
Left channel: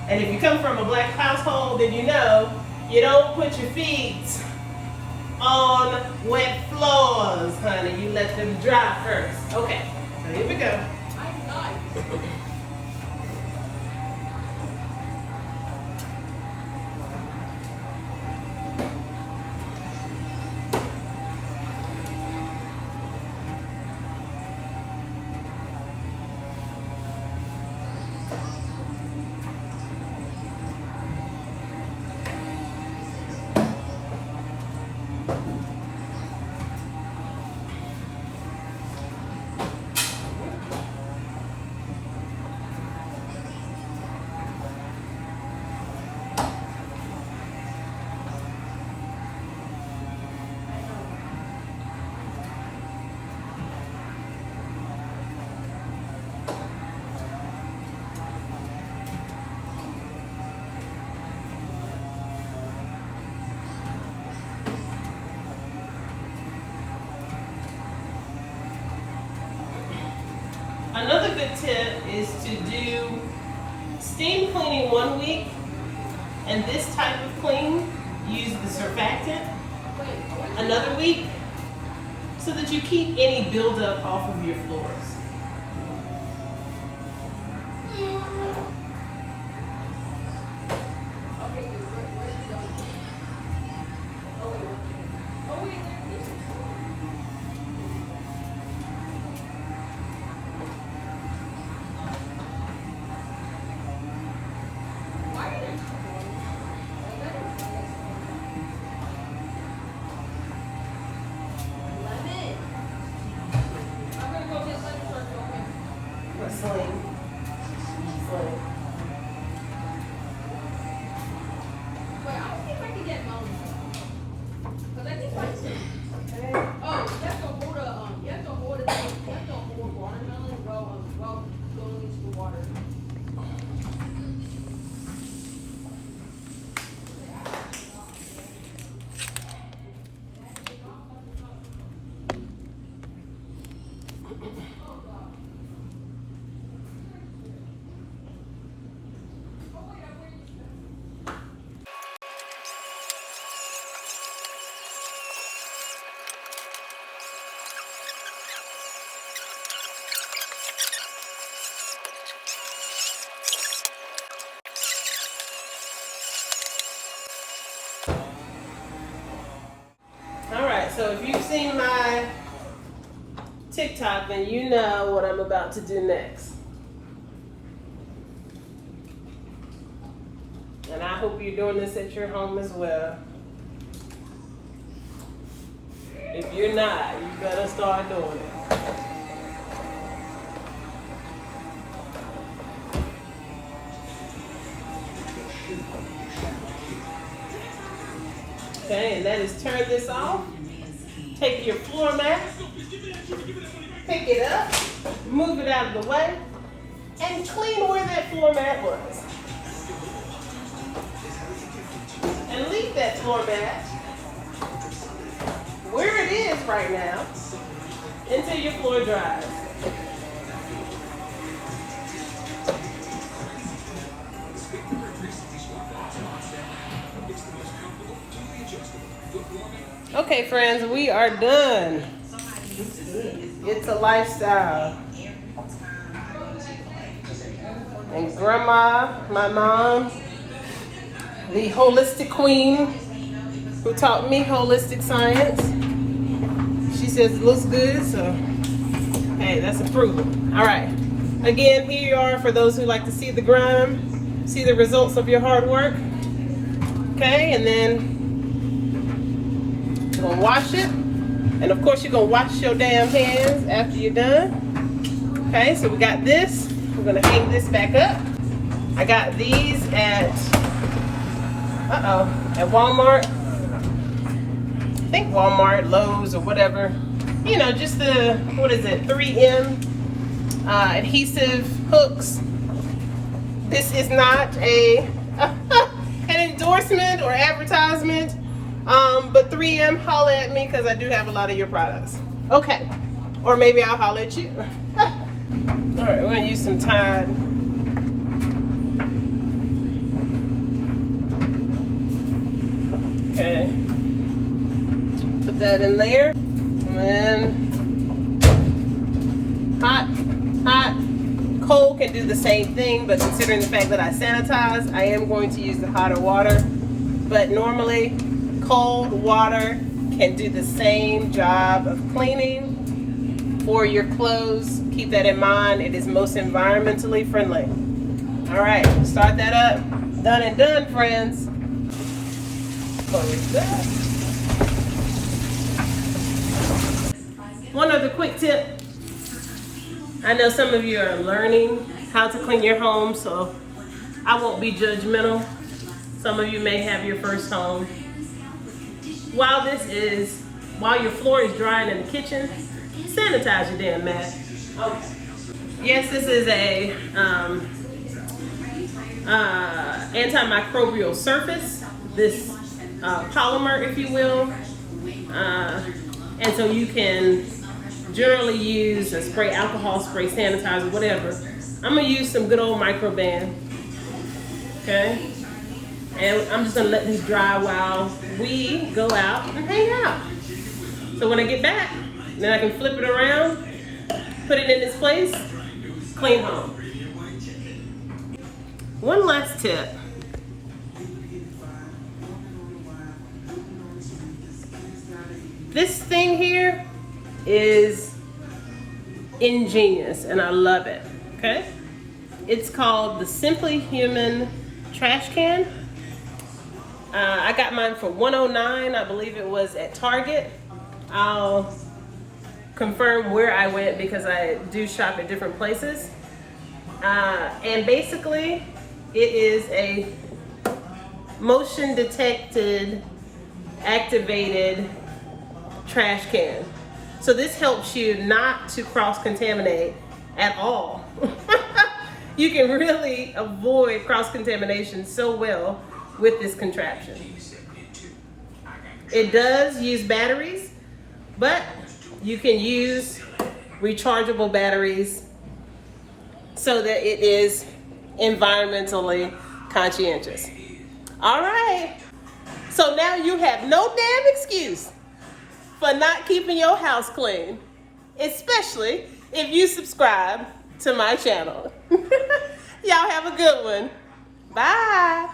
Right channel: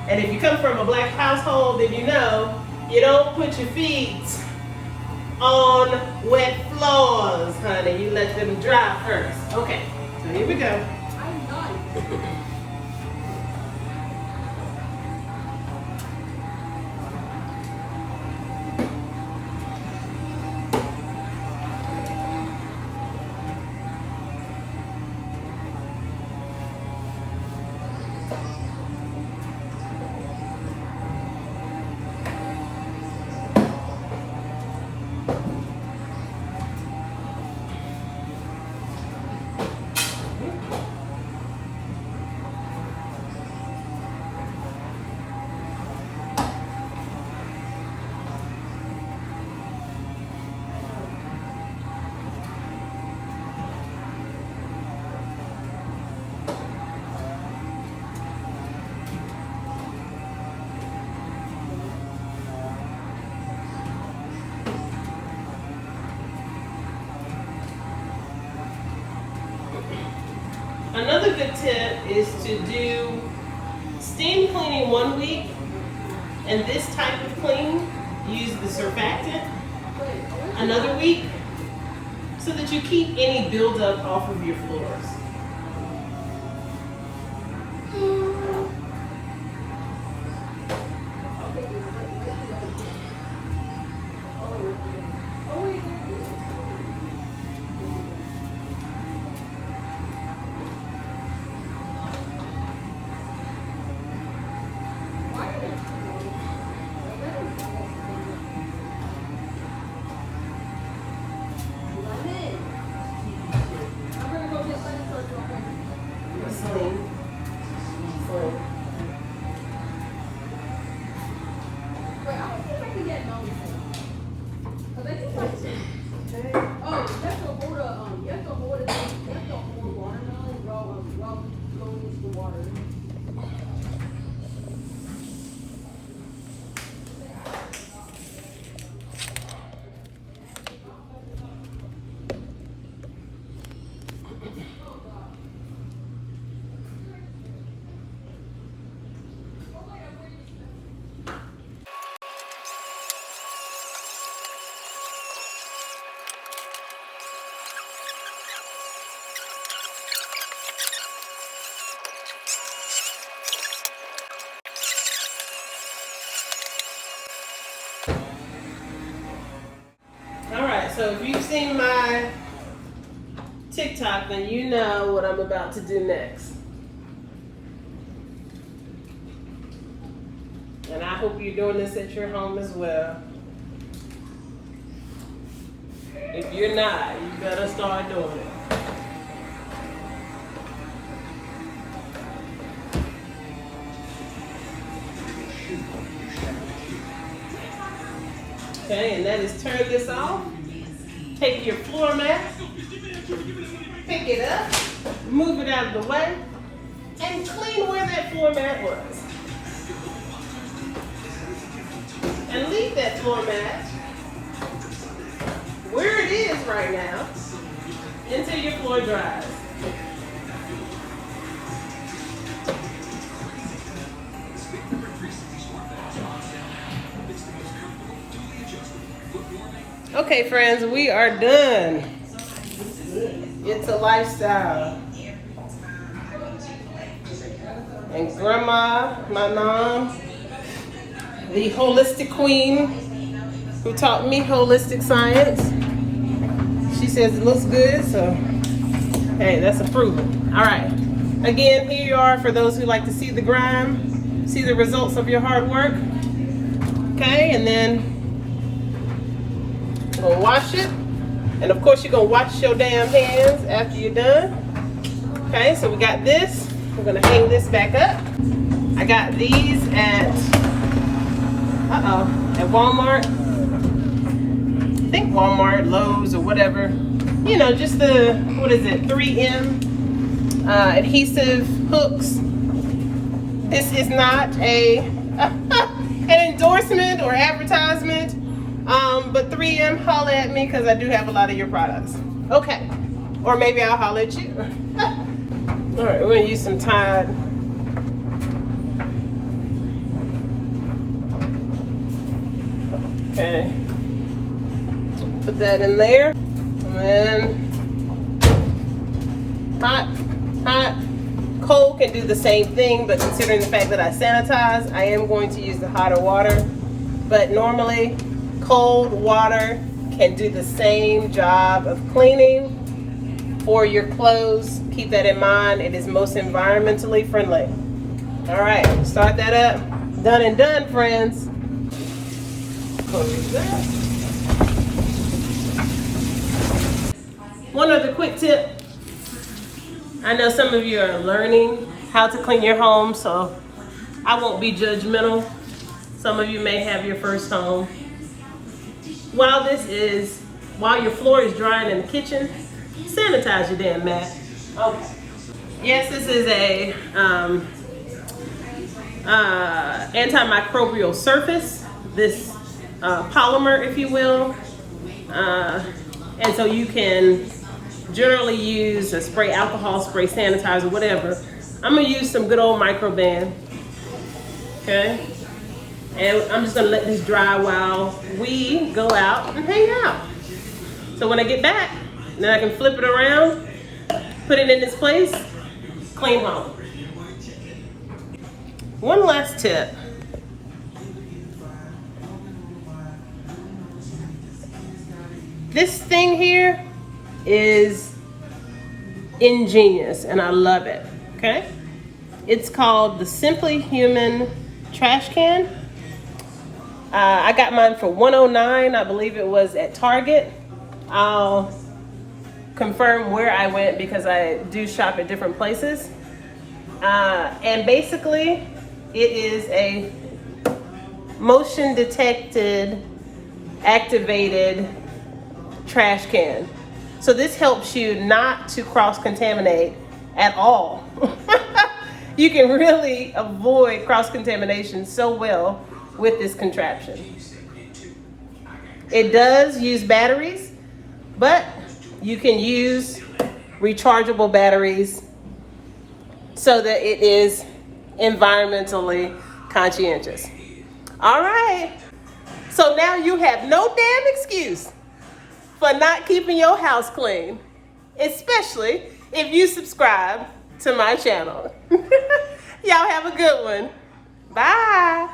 And if you come from a black household, then you know you don't put your feet on wet floors, honey. You let them dry first. Okay, so here we go. Another good tip is to do steam cleaning 1 week, and this type of clean, use the surfactant another week, so that you keep any buildup off of your floors. Sling. Full. Alright, so if you've seen my TikTok, then you know what I'm about to do next. And I hope you're doing this at your home as well. If you're not, you better start doing it. Okay, and that is turn this off. Take your floor mat, pick it up, move it out of the way, and clean where that floor mat was. And leave that floor mat where it is right now until your floor dries. Okay, friends, we are done. It's a lifestyle. And Grandma, my mom, the holistic queen who taught me holistic science, she says it looks good, so hey, that's approval. All right. Again, here you are for those who like to see the grime, see the results of your hard work. Okay, and then you're gonna wash it, and of course you're gonna wash your damn hands after you're done. Okay, so we got this. We're gonna hang this back up. I got these at Walmart. I think Walmart, Lowe's, or whatever. You know, just the 3M adhesive hooks. This is not an endorsement or advertisement. But 3M, holla at me because I do have a lot of your products. Okay. Or maybe I'll holla at you. All right, we're going to use some Tide. Okay. Put that in there. And hot, cold can do the same thing, but considering the fact that I sanitize, I am going to use the hotter water. But normally, cold water can do the same job of cleaning for your clothes. Keep that in mind. It is most environmentally friendly. All right, start that up. Done and done, friends. Close that. One other quick tip. I know some of you are learning how to clean your home, so I won't be judgmental. Some of you may have your first home. While your floor is drying in the kitchen, sanitize your damn mat. Okay. Yes, this is a antimicrobial surface, this polymer, if you will. And so you can generally use a spray alcohol, spray sanitizer, whatever. I'm gonna use some good old Microban. Okay. And I'm just gonna let these dry while we go out and hang out. So when I get back, then I can flip it around, put it in its place, clean home. One last tip. This thing here is ingenious and I love it, okay? It's called the Simply Human trash can. I got mine for $109, I believe it was at Target. I'll confirm where I went because I do shop at different places. And basically, it is a motion detected, activated trash can. So this helps you not to cross-contaminate at all. You can really avoid cross-contamination so well with this contraption. It does use batteries, but you can use rechargeable batteries so that it is environmentally conscientious. All right. So now you have no damn excuse for not keeping your house clean, especially if you subscribe to my channel. Y'all have a good one. Bye.